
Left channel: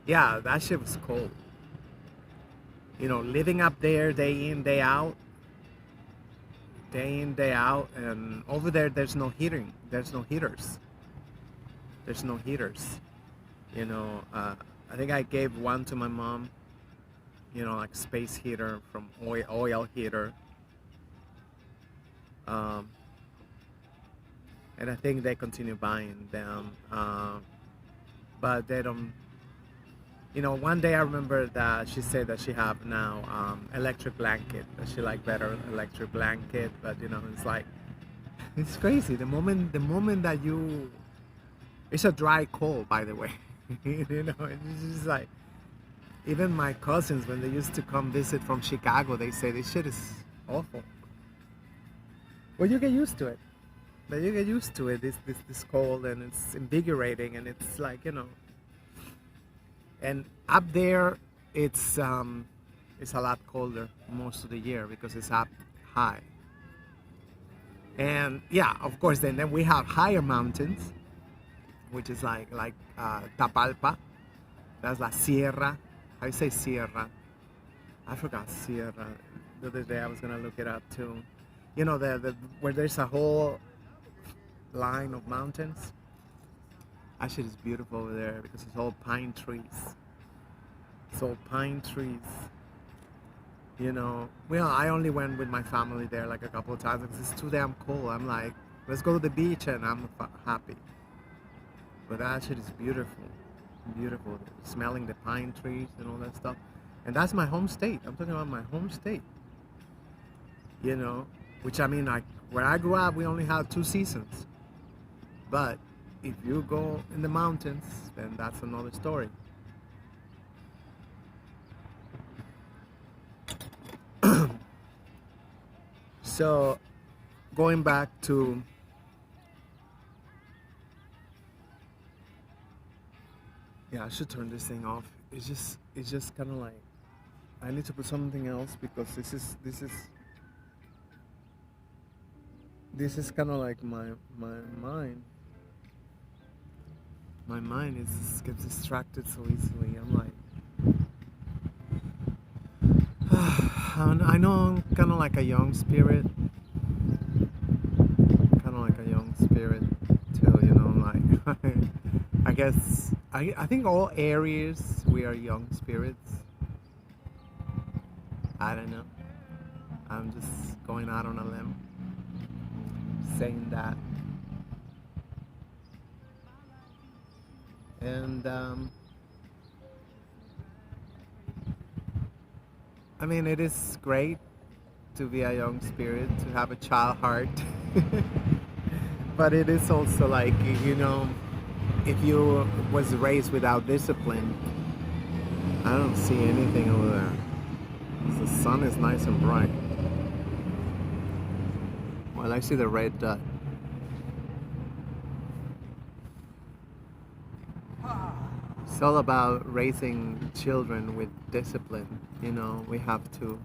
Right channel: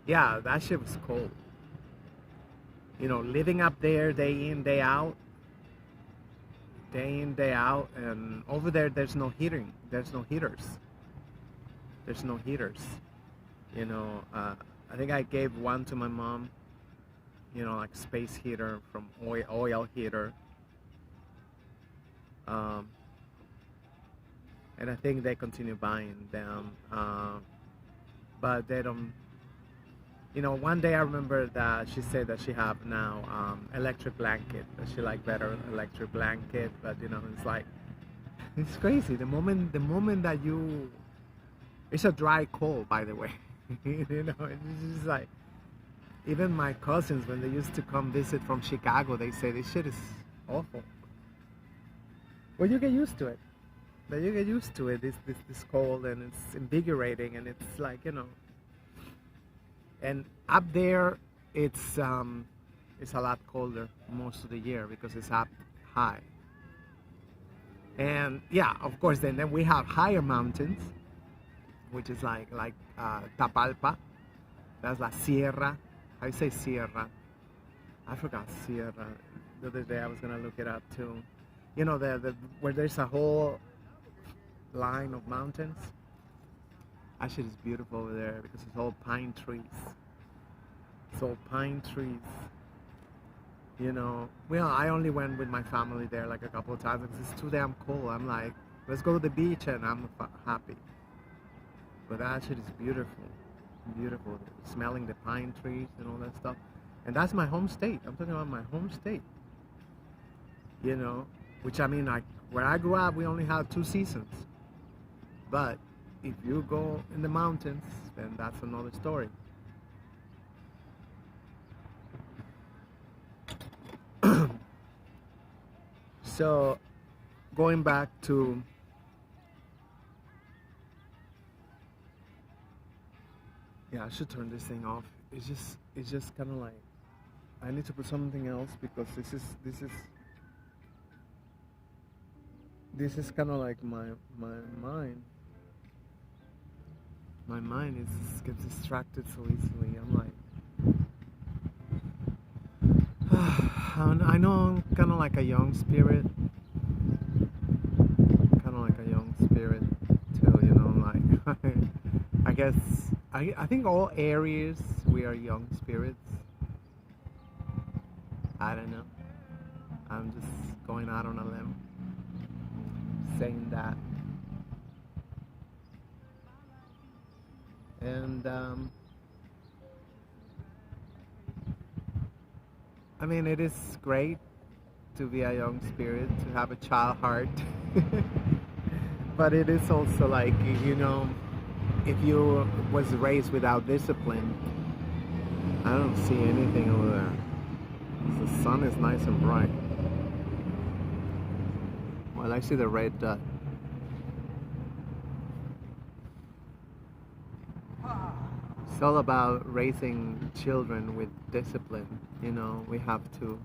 yeah, that shit was cold. You know, living up there day in, day out, day in, day out, and over there there's no heating. There's no heaters. There's no heaters. You know, I think I gave one to my mom. You know, like space heater from oil heater. And I think they continue buying them, but they don't. You know, one day I remember that she said that she have now electric blanket. That she like better electric blanket, but you know, it's like it's crazy. The moment that you, it's a dry cold, by the way. You know, it's just like even my cousins when they used to come visit from Chicago, they say this shit is awful. Well, you get used to it. But you get used to it. This cold, and it's invigorating, and it's like, you know. And up there, it's a lot colder most of the year because it's up high. And yeah, of course, then we have higher mountains, which is like Tapalpa. That's La Sierra. I say Sierra. I forgot Sierra. The other day I was gonna look it up too. You know, the where there's a whole line of mountains. Actually, it's beautiful over there because it's all pine trees. It's all pine trees. You know, well, I only went with my family there like a couple of times because it's too damn cold. I'm like, let's go to the beach, and I'm happy. But actually, it's beautiful, beautiful. Smelling the pine trees and all that stuff. And that's my home state. I'm talking about my home state. You know, which I mean, like where I grew up, we only had 2 seasons. But if you go in the mountains, then that's another story. So going back to, yeah, I should turn this thing off. It's just kind of like I need to put something else because this is kind of like my mind. My mind is gets distracted so easily. I'm like, I know I'm kind of like a young spirit, kind of like a young spirit too. Like I guess I think all areas we are young spirits. I don't know. I'm just going out on a limb, saying that. And I mean, it is great to be a young spirit, to have a child heart. But it is also like, you know, if you was raised without discipline, I don't see anything over there. The sun is nice and bright. Well, I see the red dot. It's all about raising children with discipline. You know, we have to,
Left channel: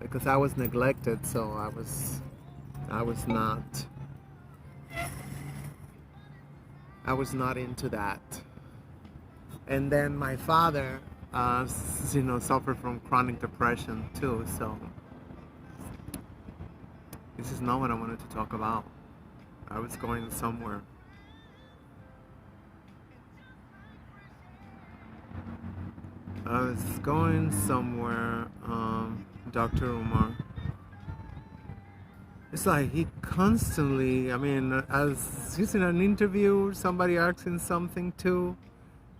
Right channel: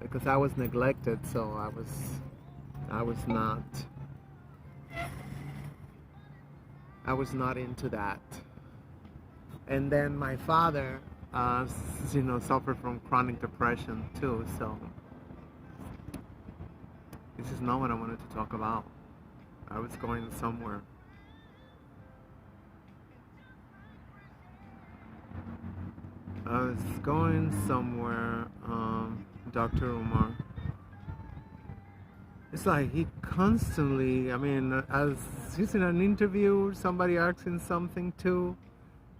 because I was neglected, so I was not into that. And then my father, suffered from chronic depression too. So this is not what I wanted to talk about. I was going somewhere. Dr. Umar. It's like he constantly, I mean, as he's in an interview, somebody asking something too,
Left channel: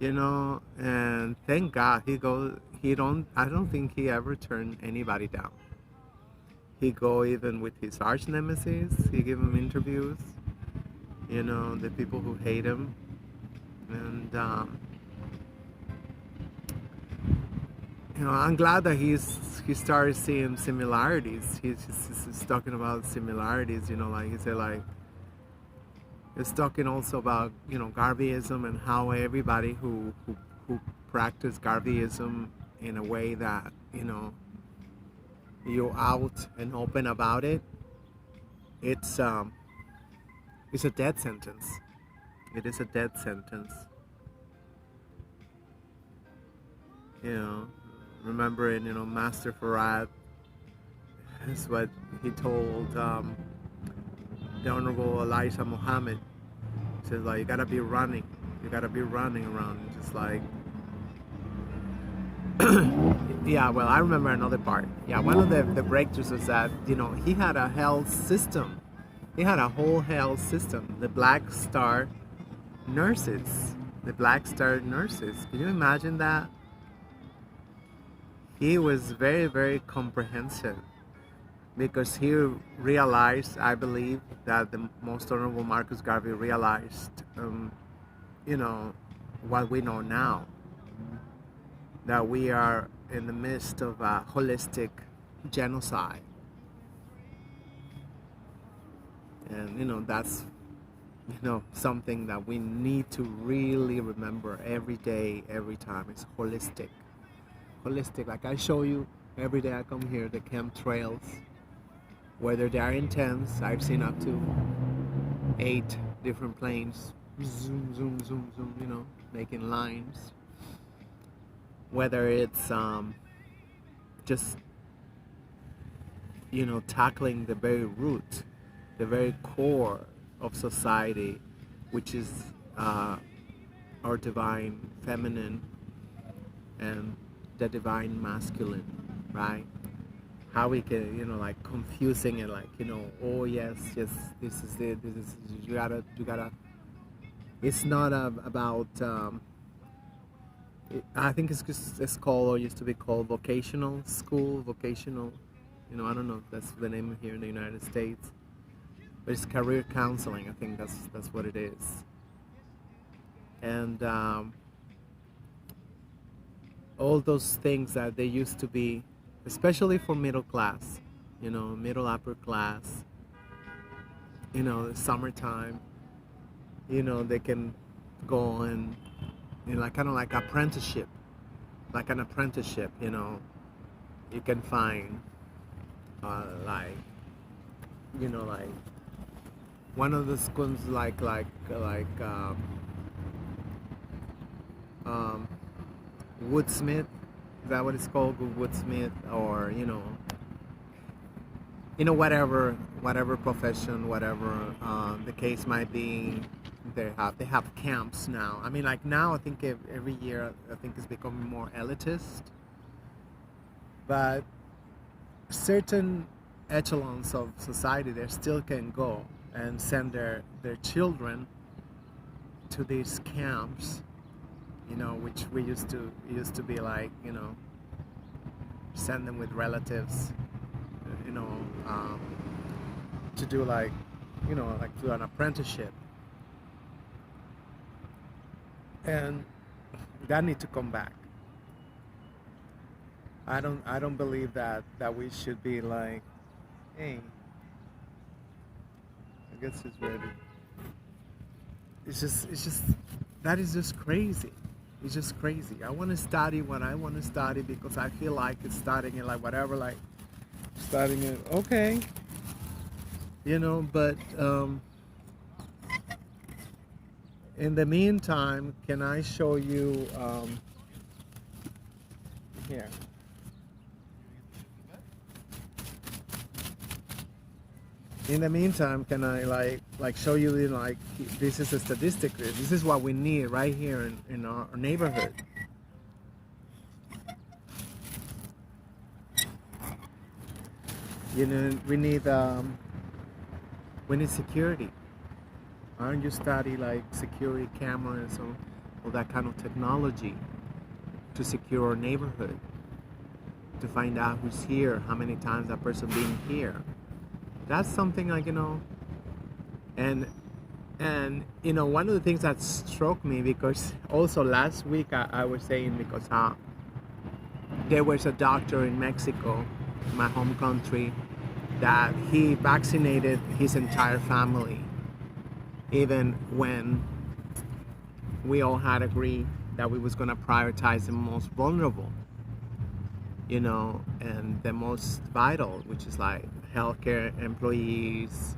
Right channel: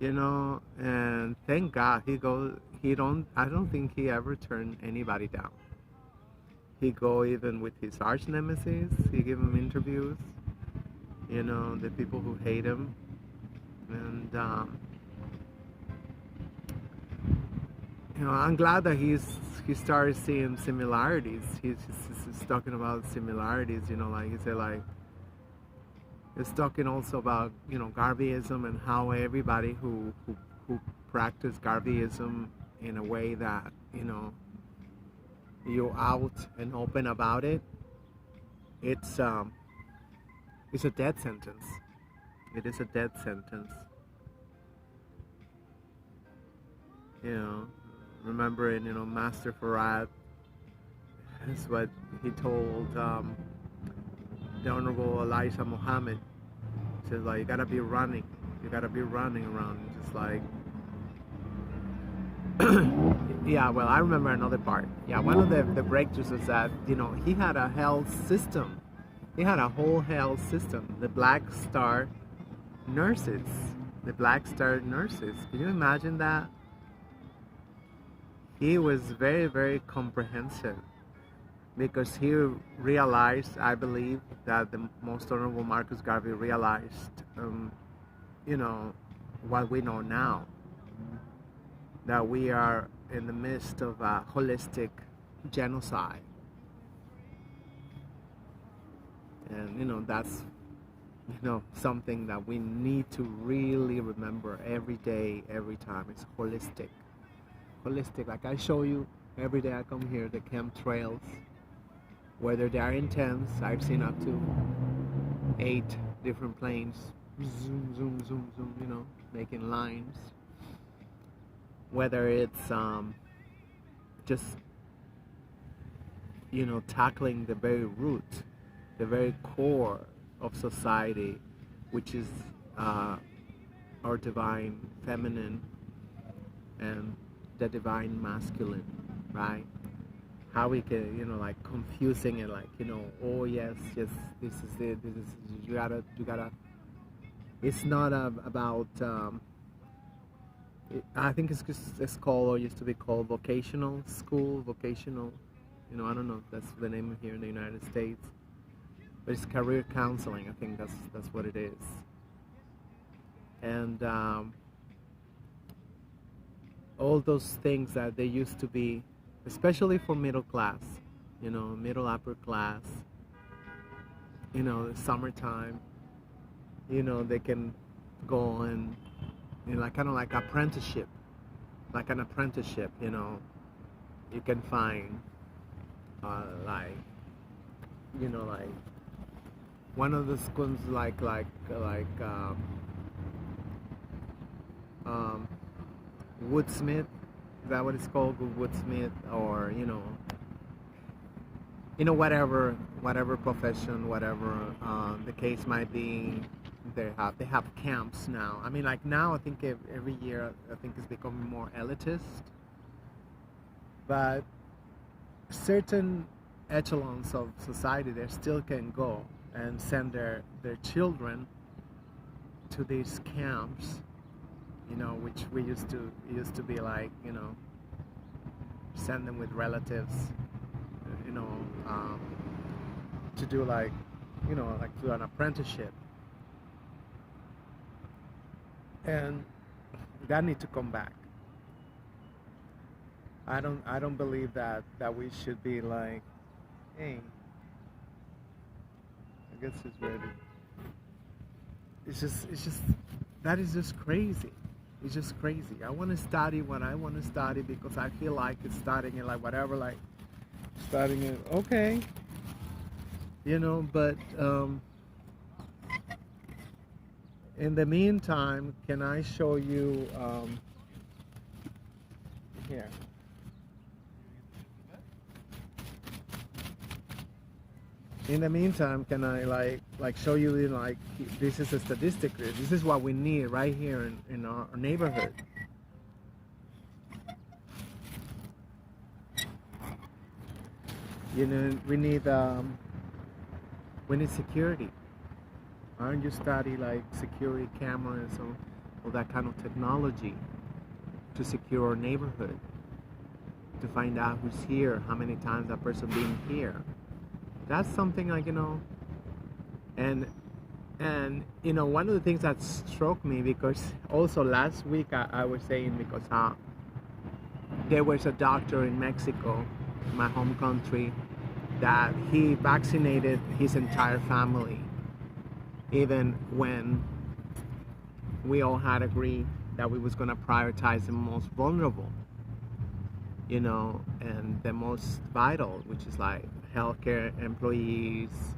and thank God I don't think he ever turned anybody down. He go even with his arch nemesis, he give him interviews, the people who hate him, and I'm glad that he started seeing similarities. He's talking about similarities. Like he said, like he's talking also about Garveyism and how everybody who practice Garveyism in a way that you're out and open about it. It's a death sentence. It is a death sentence. Remembering, Master Farad is what he told the Honorable Elijah Muhammad. He says, like, you gotta be running around, just like, yeah, well, I remember another part. Yeah, one of the breakthroughs was that, he had a health system. He had a whole health system. The Black Star nurses. Can you imagine that? He was very, very comprehensive because he realized, I believe, that the Most Honorable Marcus Garvey realized, what we know now, that we are in the midst of a holistic genocide. And, that's, something that we need to really remember every day, every time. It's holistic. Like I show you every day I come here, the chemtrails, whether they are intense. I've seen up to 8 different planes, zoom, making lines. Whether it's just tackling the very root, the very core of society, which is our divine feminine and the divine masculine, right? How we can, like confusing it, like, oh yes, this is it, you gotta, it's not about, I think it's called, or used to be called vocational school, I don't know if that's the name here in the United States. but it's career counseling. I think that's what it is. And all those things that they used to be, especially for middle class, middle upper class, summertime, they can go and, like kind of like apprenticeship, like an apprenticeship, you can find, like, like one of the schools, like um, Woodsmith, is that what it's called, Woodsmith, or whatever profession, whatever the case might be, they have camps now. I mean, like now, I think every year, I think it's becoming more elitist, but certain echelons of society, they still can go and send their children to these camps, which we used to be like, send them with relatives, to do like, like do an apprenticeship, and that need to come back. I don't believe that we should be like, hey, I guess it's ready. It's just that is just crazy. It's just crazy. I want to study what I want to study because I feel like it's studying it, like whatever, like studying it. Okay, but in the meantime, can I show you here? In the meantime, can I like show you, like, this is a statistic. This is what we need right here in our neighborhood. We need security. Aren't you study like security cameras or that kind of technology to secure our neighborhood, to find out who's here, how many times that person been here? That's something like, and one of the things that struck me, because also last week I was saying, because there was a doctor in Mexico, my home country, that he vaccinated his entire family, even when we all had agreed that we was going to prioritize the most vulnerable, and the most vital, which is like healthcare employees,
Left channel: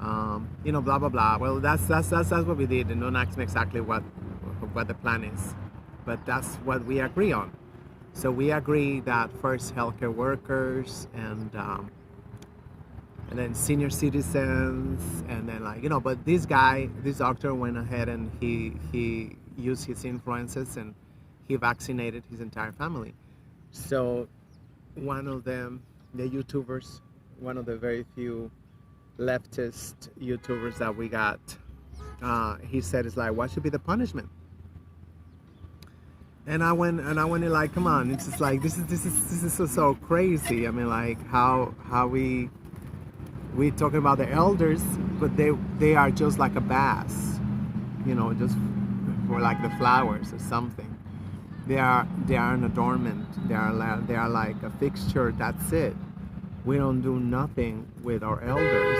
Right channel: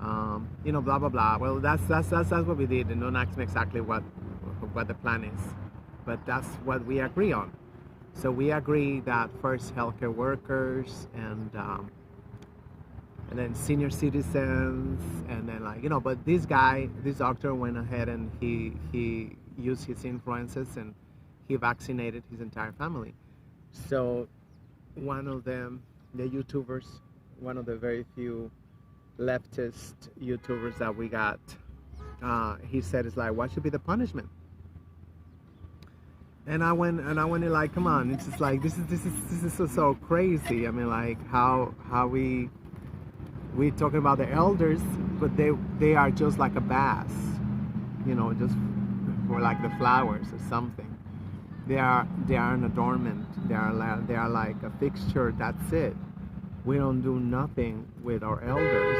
blah blah blah. Well, that's what we did, and don't ask me exactly what the plan is, but that's what we agree on. So we agree that first healthcare workers, and then senior citizens, and then but this doctor went ahead and he used his influences and he vaccinated his entire family. So one of them, the YouTubers, one of the very few leftist YouTubers that we got, he said, it's like, what should be the punishment? And I went in like, come on, it's just like, this is so crazy. I mean, like how we talking about the elders, but they are just like a bass, just for like the flowers or something. They are an adornment. They are like a fixture. That's it. We don't do nothing with our elders,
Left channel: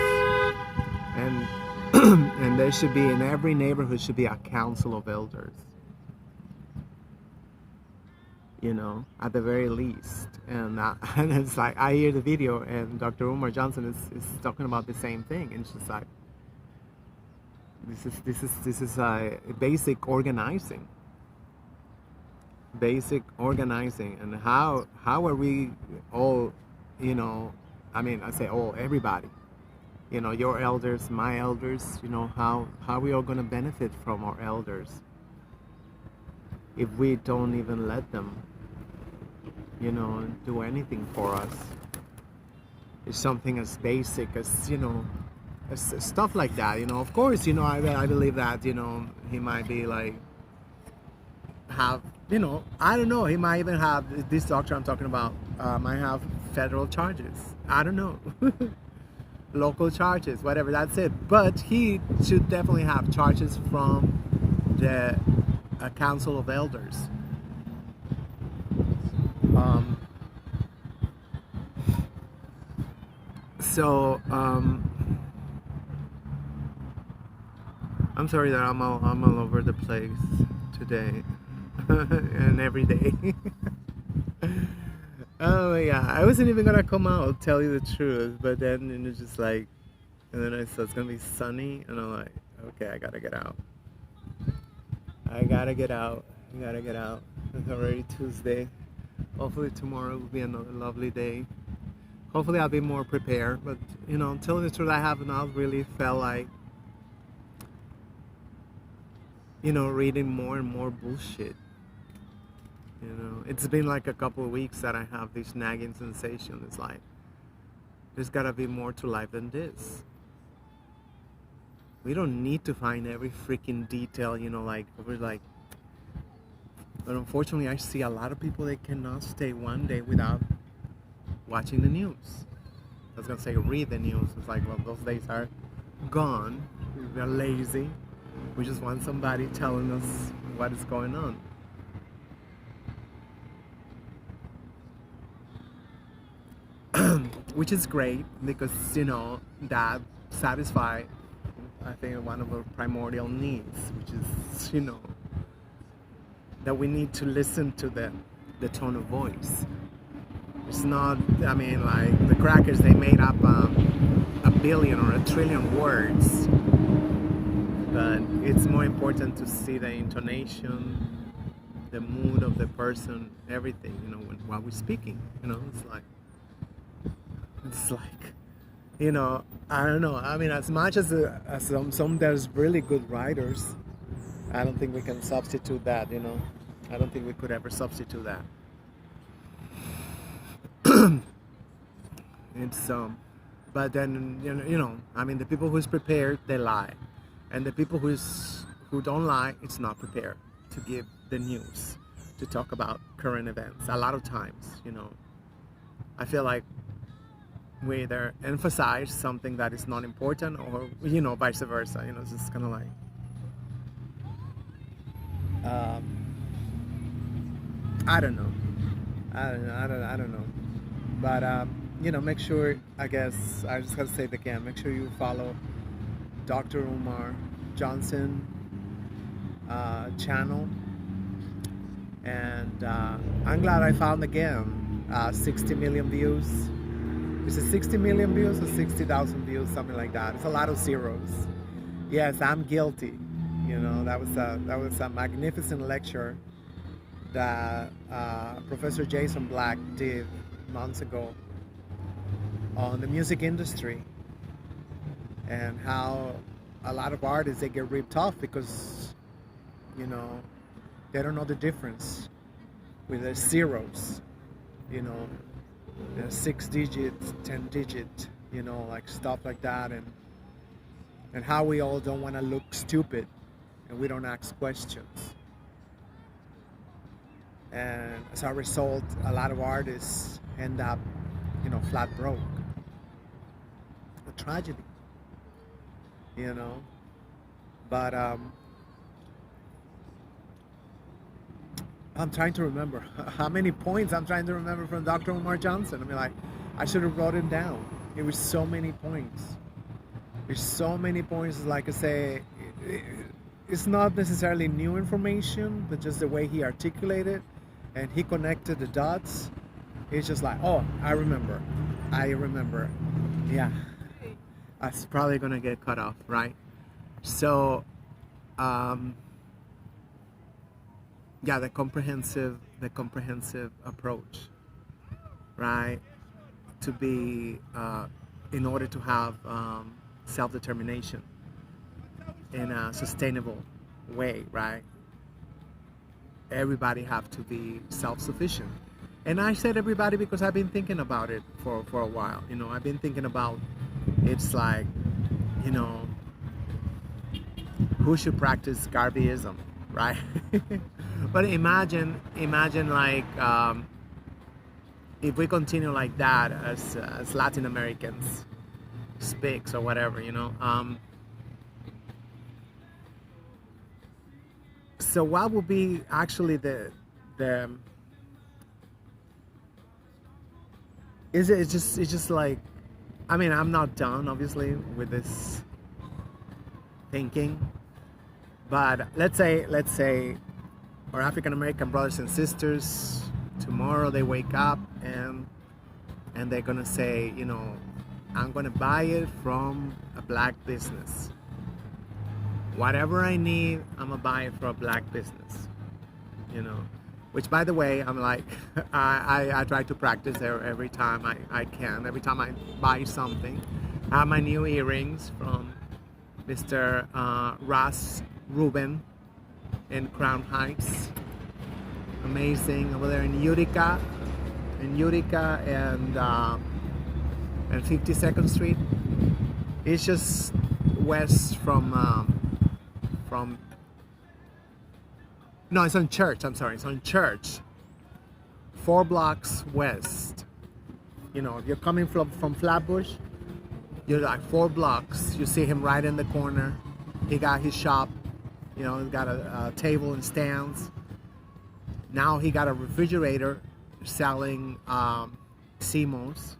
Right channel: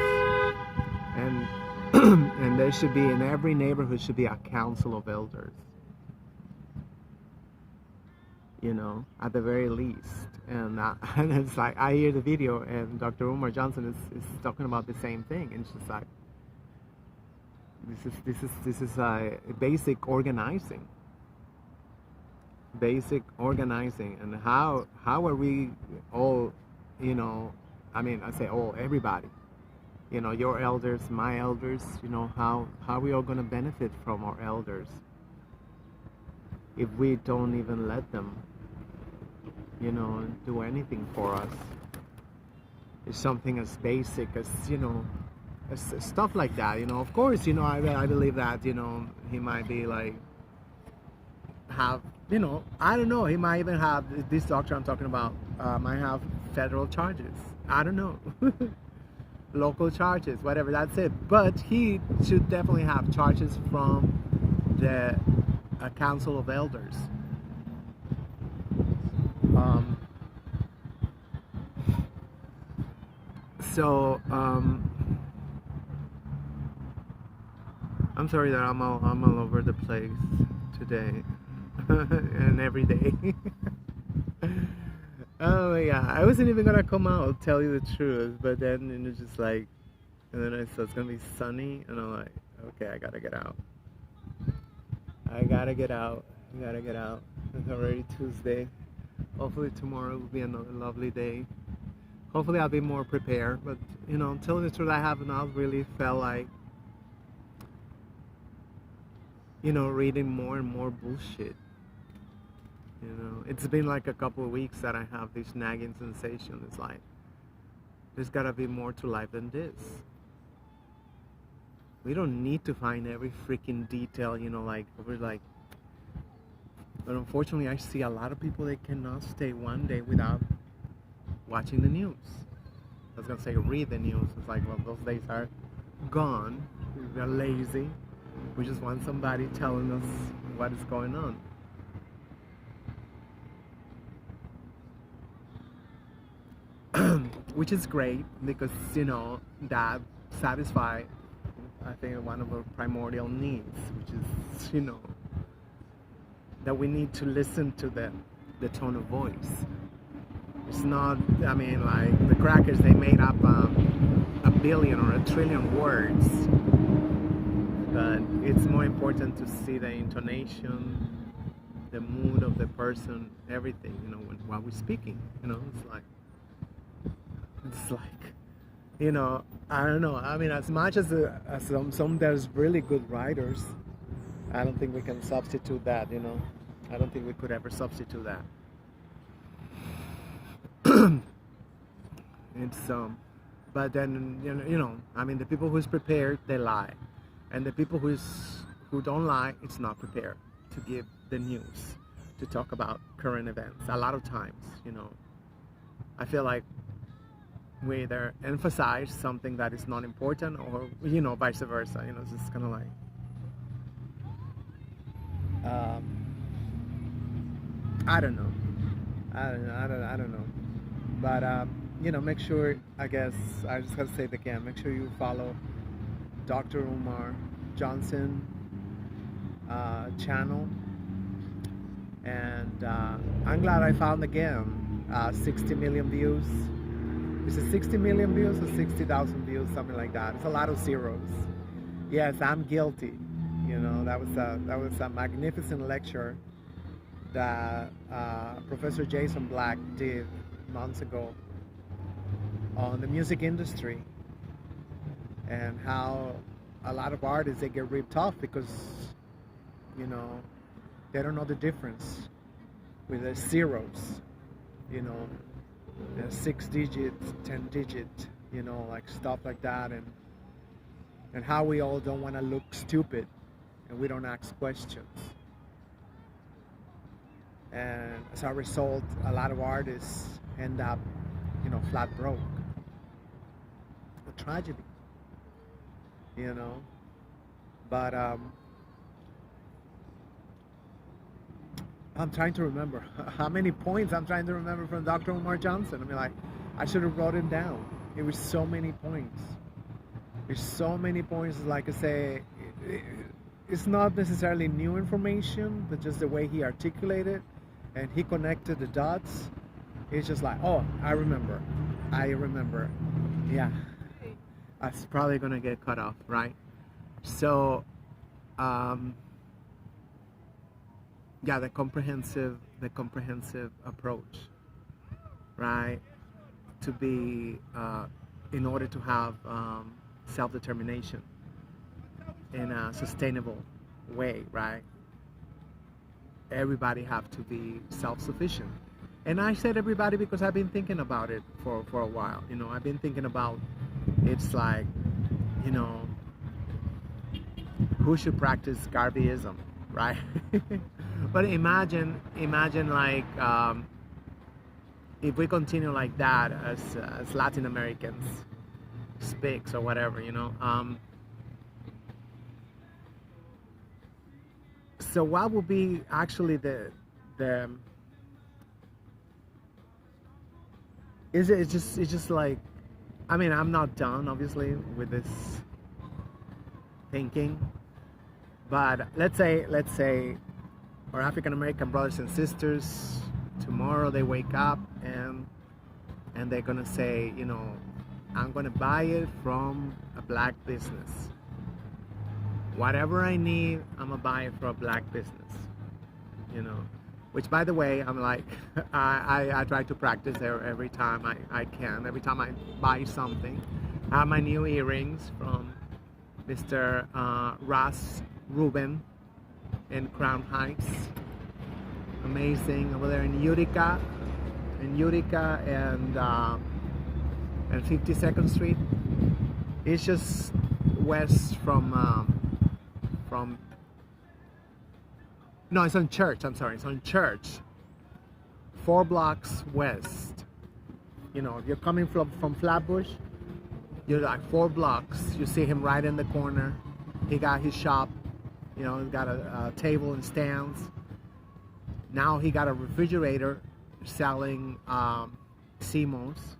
and and there should be, in every neighborhood should be a council of elders. At the very least. And and it's like, I hear the video, and Dr. Umar Johnson is talking about the same thing, and it's just like, this is basic organizing. And how are we all, I mean, I say all, everybody, your elders, my elders, how are we all going to benefit from our elders if we don't even let them, do anything for us? It's something as basic as, as stuff like that, Of course, I believe that, he might be like, have, I don't know, he might even have, this doctor I'm talking about, might have federal charges. I don't know. local charges, whatever. That's it. But he should definitely have charges from the Council of Elders. Um, so I'm sorry that I'm all over the place today and every day. Oh yeah, I wasn't even gonna come out, tell you the truth, but then it was just like, and then I said it's gonna be sunny, and I'm like, okay, I gotta get out. I gotta get out. I gotta get out. It's already Tuesday. Hopefully tomorrow will be another lovely day. Hopefully I'll be more prepared, but you know, telling the truth, I have not really felt like, you know, reading more and more bullshit. You know, it's been like a couple of weeks that I have this nagging sensation. It's like, there's gotta be more to life than this. We don't need to find every freaking detail, you know, like, we're like, but unfortunately I see a lot of people that cannot stay one day without watching the news. I was gonna say read the news. It's like, well, those days are gone. We're lazy. We just want somebody telling us what is going on. Which is great because, you know, that satisfies, I think, one of our primordial needs, which is, you know, that we need to listen to the tone of voice. It's not, I mean, like the crackers, they made up a billion or a trillion words, but it's more important to see the intonation, the mood of the person, everything, you know, while we're speaking, you know, it's like, you know, I don't know, I mean, as much as some there's really good writers, I don't think we can substitute that, you know, I don't think we could ever substitute that. It's but then you know, I mean, the people who's prepared, they lie, and the people who don't lie, it's not prepared to give the news, to talk about current events. A lot of times, you know, I feel like we either emphasize something that is not important, or, you know, vice versa. You know, it's just kind of like, I don't know, I don't know. But you know, make sure, I guess I just gotta say it again, make sure you follow Dr. Umar Johnson channel, and I'm glad I found again 60 million views. Is it 60 million views or 60,000 views, something like that? It's a lot of zeros. Yes, I'm guilty. You know, that was a magnificent lecture that Professor Jason Black did months ago on the music industry, and how a lot of artists, they get ripped off because, you know, they don't know the difference with the zeros, you know, 6 digits, 10 digit, you know, like stuff like that, and how we all don't want to look stupid and we don't ask questions. And as a result, a lot of artists end up, you know, flat broke. A tragedy, you know. But I'm trying to remember how many points I'm trying to remember from Dr. Umar Johnson. I mean, like, I should have wrote it down. It was so many points. There's so many points. Like I say, it's not necessarily new information, but just the way he articulated and he connected the dots. It's just like, oh, I remember. Yeah, that's probably gonna get cut off, right? So, yeah, the comprehensive approach, right? To be, in order to have self-determination in a sustainable way, right? Everybody have to be self-sufficient. And I said everybody because I've been thinking about it for a while. You know, I've been thinking about, it's like, you know, who should practice Garveyism, right? But imagine like, if we continue like that as Latin Americans, speaks or whatever, you know. So what would be actually the is it it's just like, I mean, I'm not done obviously with this thinking, but let's say our African American brothers and sisters tomorrow they wake up and they're gonna say, you know, I'm gonna buy it from a black business. Whatever I need, I'm gonna buy it from a black business. You know, which by the way, I'm like, I try to practice every time I can. Every time I buy something, I have my new earrings from Mr. Ross Rubin in Crown Heights. Amazing over there in Utica and 52nd Street. It's just west from no, it's on Church. I'm sorry, it's on Church. 4 blocks west. You know, if you're coming from Flatbush, you're like 4 blocks. You see him right in the corner. He got his shop. You know, he's got a table and stands. Now he got a refrigerator selling CMOS.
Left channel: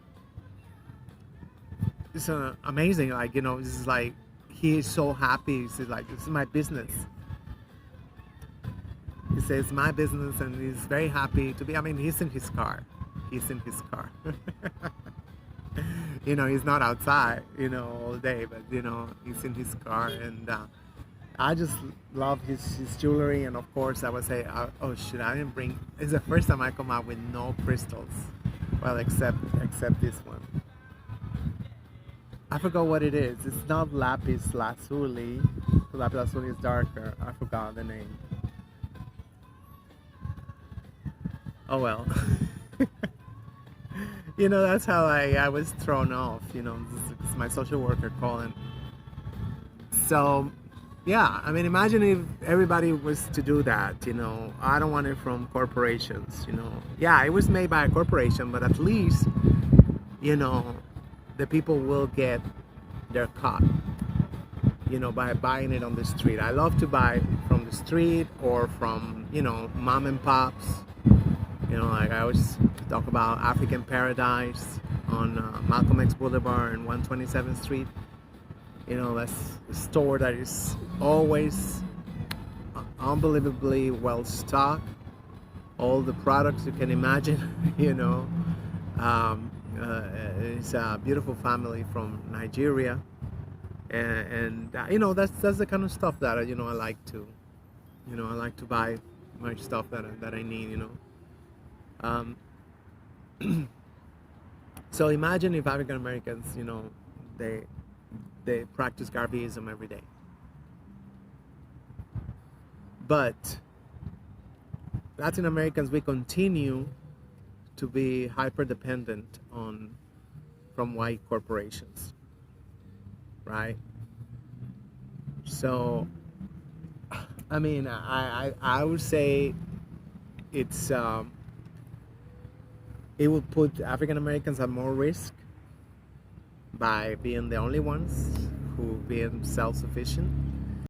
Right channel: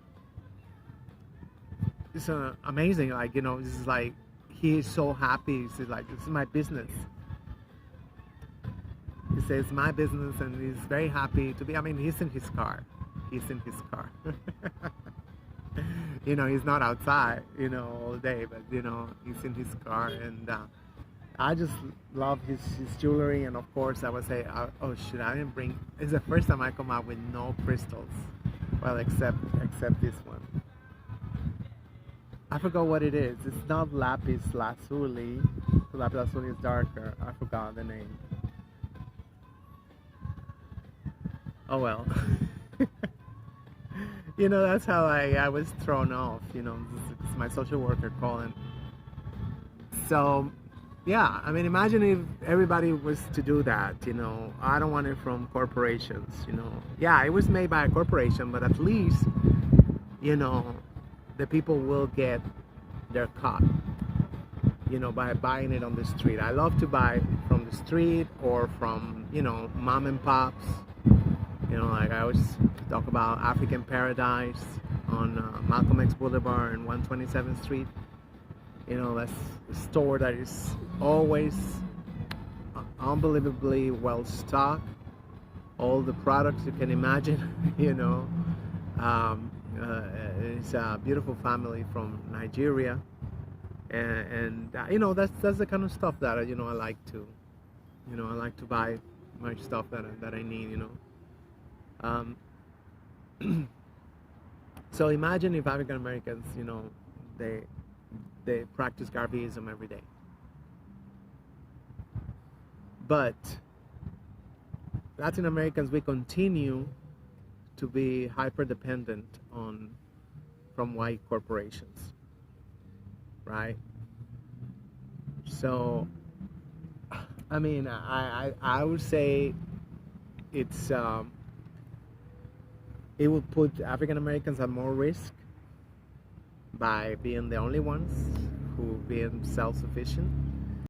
It's amazing. Like, you know, this is like, he is so happy. He's like, this is my business. He says, my business, and he's very happy to be. I mean, he's in his car. He's in his car. You know, he's not outside, you know, all day, but, you know, he's in his car. And I just love his jewelry. And of course, I would say, oh, shit, I didn't bring. It's the first time I come out with no crystals. Well, except this one. I forgot what it is. It's not lapis lazuli. Lapis lazuli is darker. I forgot the name. Oh well. You know, that's how I was thrown off. You know, this is my social worker calling. So, yeah, I mean, imagine if everybody was to do that. You know, I don't want it from corporations. You know, yeah, it was made by a corporation, but at least, you know, the people will get their cut, you know, by buying it on the street. I love to buy from the street or from, you know, mom and pops. You know, like I always talk about African Paradise on Malcolm X Boulevard and 127th Street. You know, that's a store that is always unbelievably well stocked. All the products you can imagine, you know. It's a beautiful family from Nigeria, and you know, that's the kind of stuff that, you know, I like to buy much stuff that I need, you know. So imagine if African Americans, you know, they practice Garveyism every day, but Latin Americans, we continue to be hyper dependent from white corporations, right? So, I mean, I would say it's it would put African Americans at more risk by being the only ones who being self-sufficient.